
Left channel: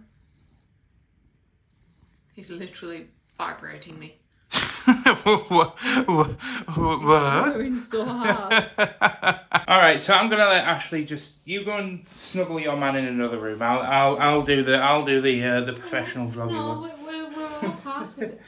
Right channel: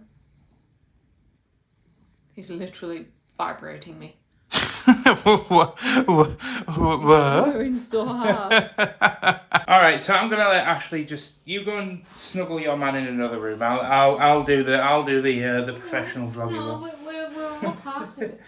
He's literally vibrating me. What? Going so hard. Alright, so I'm gonna let Ashley you go and snuggle your man in another room. I'll do the professional vlogging. No, we're all part of it.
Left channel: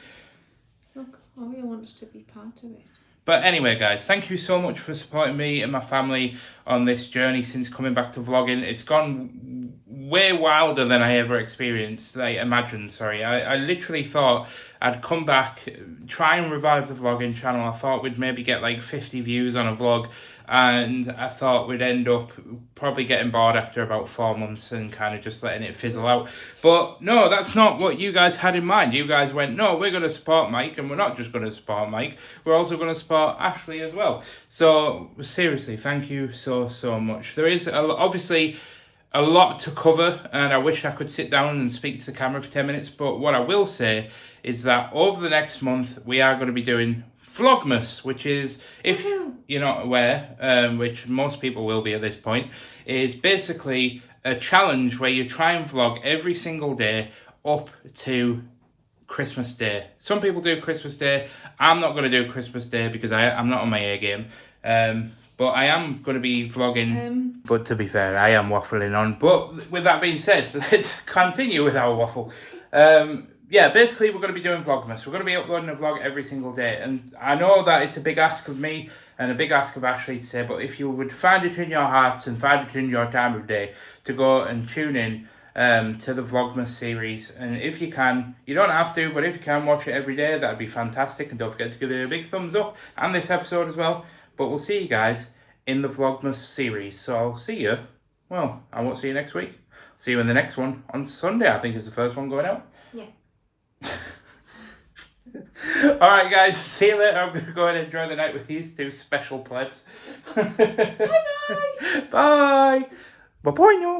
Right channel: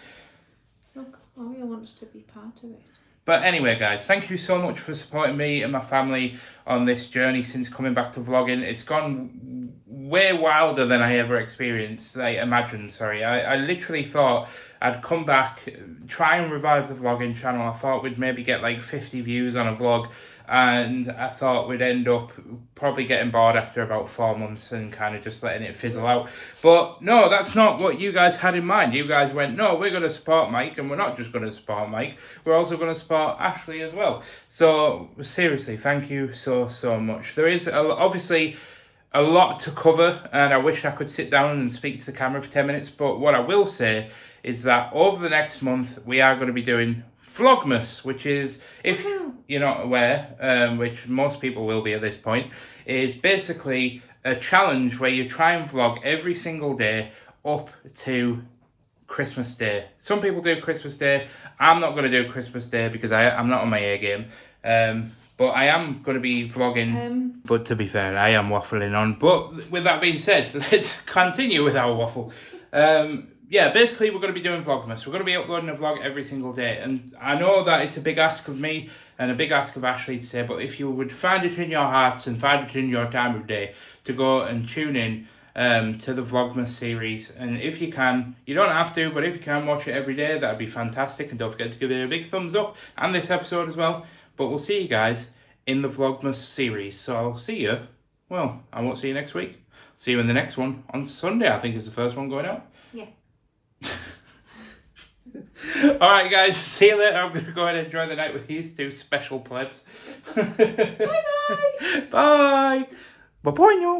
Look, Oreo wants to be part of it. But anyway, guys, thank you so much for supporting me and my family on this journey since coming back to vlogging. It's gone way wilder than I ever imagined. I literally thought I'd come back, try and revive the vlogging channel. I thought we'd maybe get like 50 views on a vlog, and I thought we'd end up probably getting bored after about 4 months and kind of just letting it fizzle out. But no, that's not what you guys had in mind. You guys went, no, we're going to support Mike, and we're not just going to support Mike, we're also going to support Ashley as well. So seriously, thank you so much. There is obviously a lot to cover, and I wish I could sit down and speak to the camera for 10 minutes, but what I will say is that over the next month we are going to be doing vlogmas, which is, if you're not aware, which most people will be at this point, is basically a challenge where you try and vlog every single day up to Christmas Day. Some people do Christmas Day. I'm not going to do Christmas Day because I'm not on my A game. But I am going to be vlogging. But to be fair, I am waffling on. But with that being said, let's continue with our waffle. Yeah, basically we're going to be doing Vlogmas. We're going to be uploading a vlog every single day. And I know that it's a big ask of me and a big ask of Ashley to say, but if you would find it in your hearts and find it in your time of day to go and tune in to the Vlogmas series. And if you can, you don't have to, but if you can watch it every day, that'd be fantastic. And don't forget to give it a big thumbs up and this episode as well. But we'll see you guys in the Vlogmas series. So I'll see you. Well, I won't see you next week. See you in the next one on Sunday. I think is the first one going out. Yeah. Alright guys, see you later. I'm going to go and enjoy the night with these two special plebs. Bye-bye. Bye. Bye-bye now.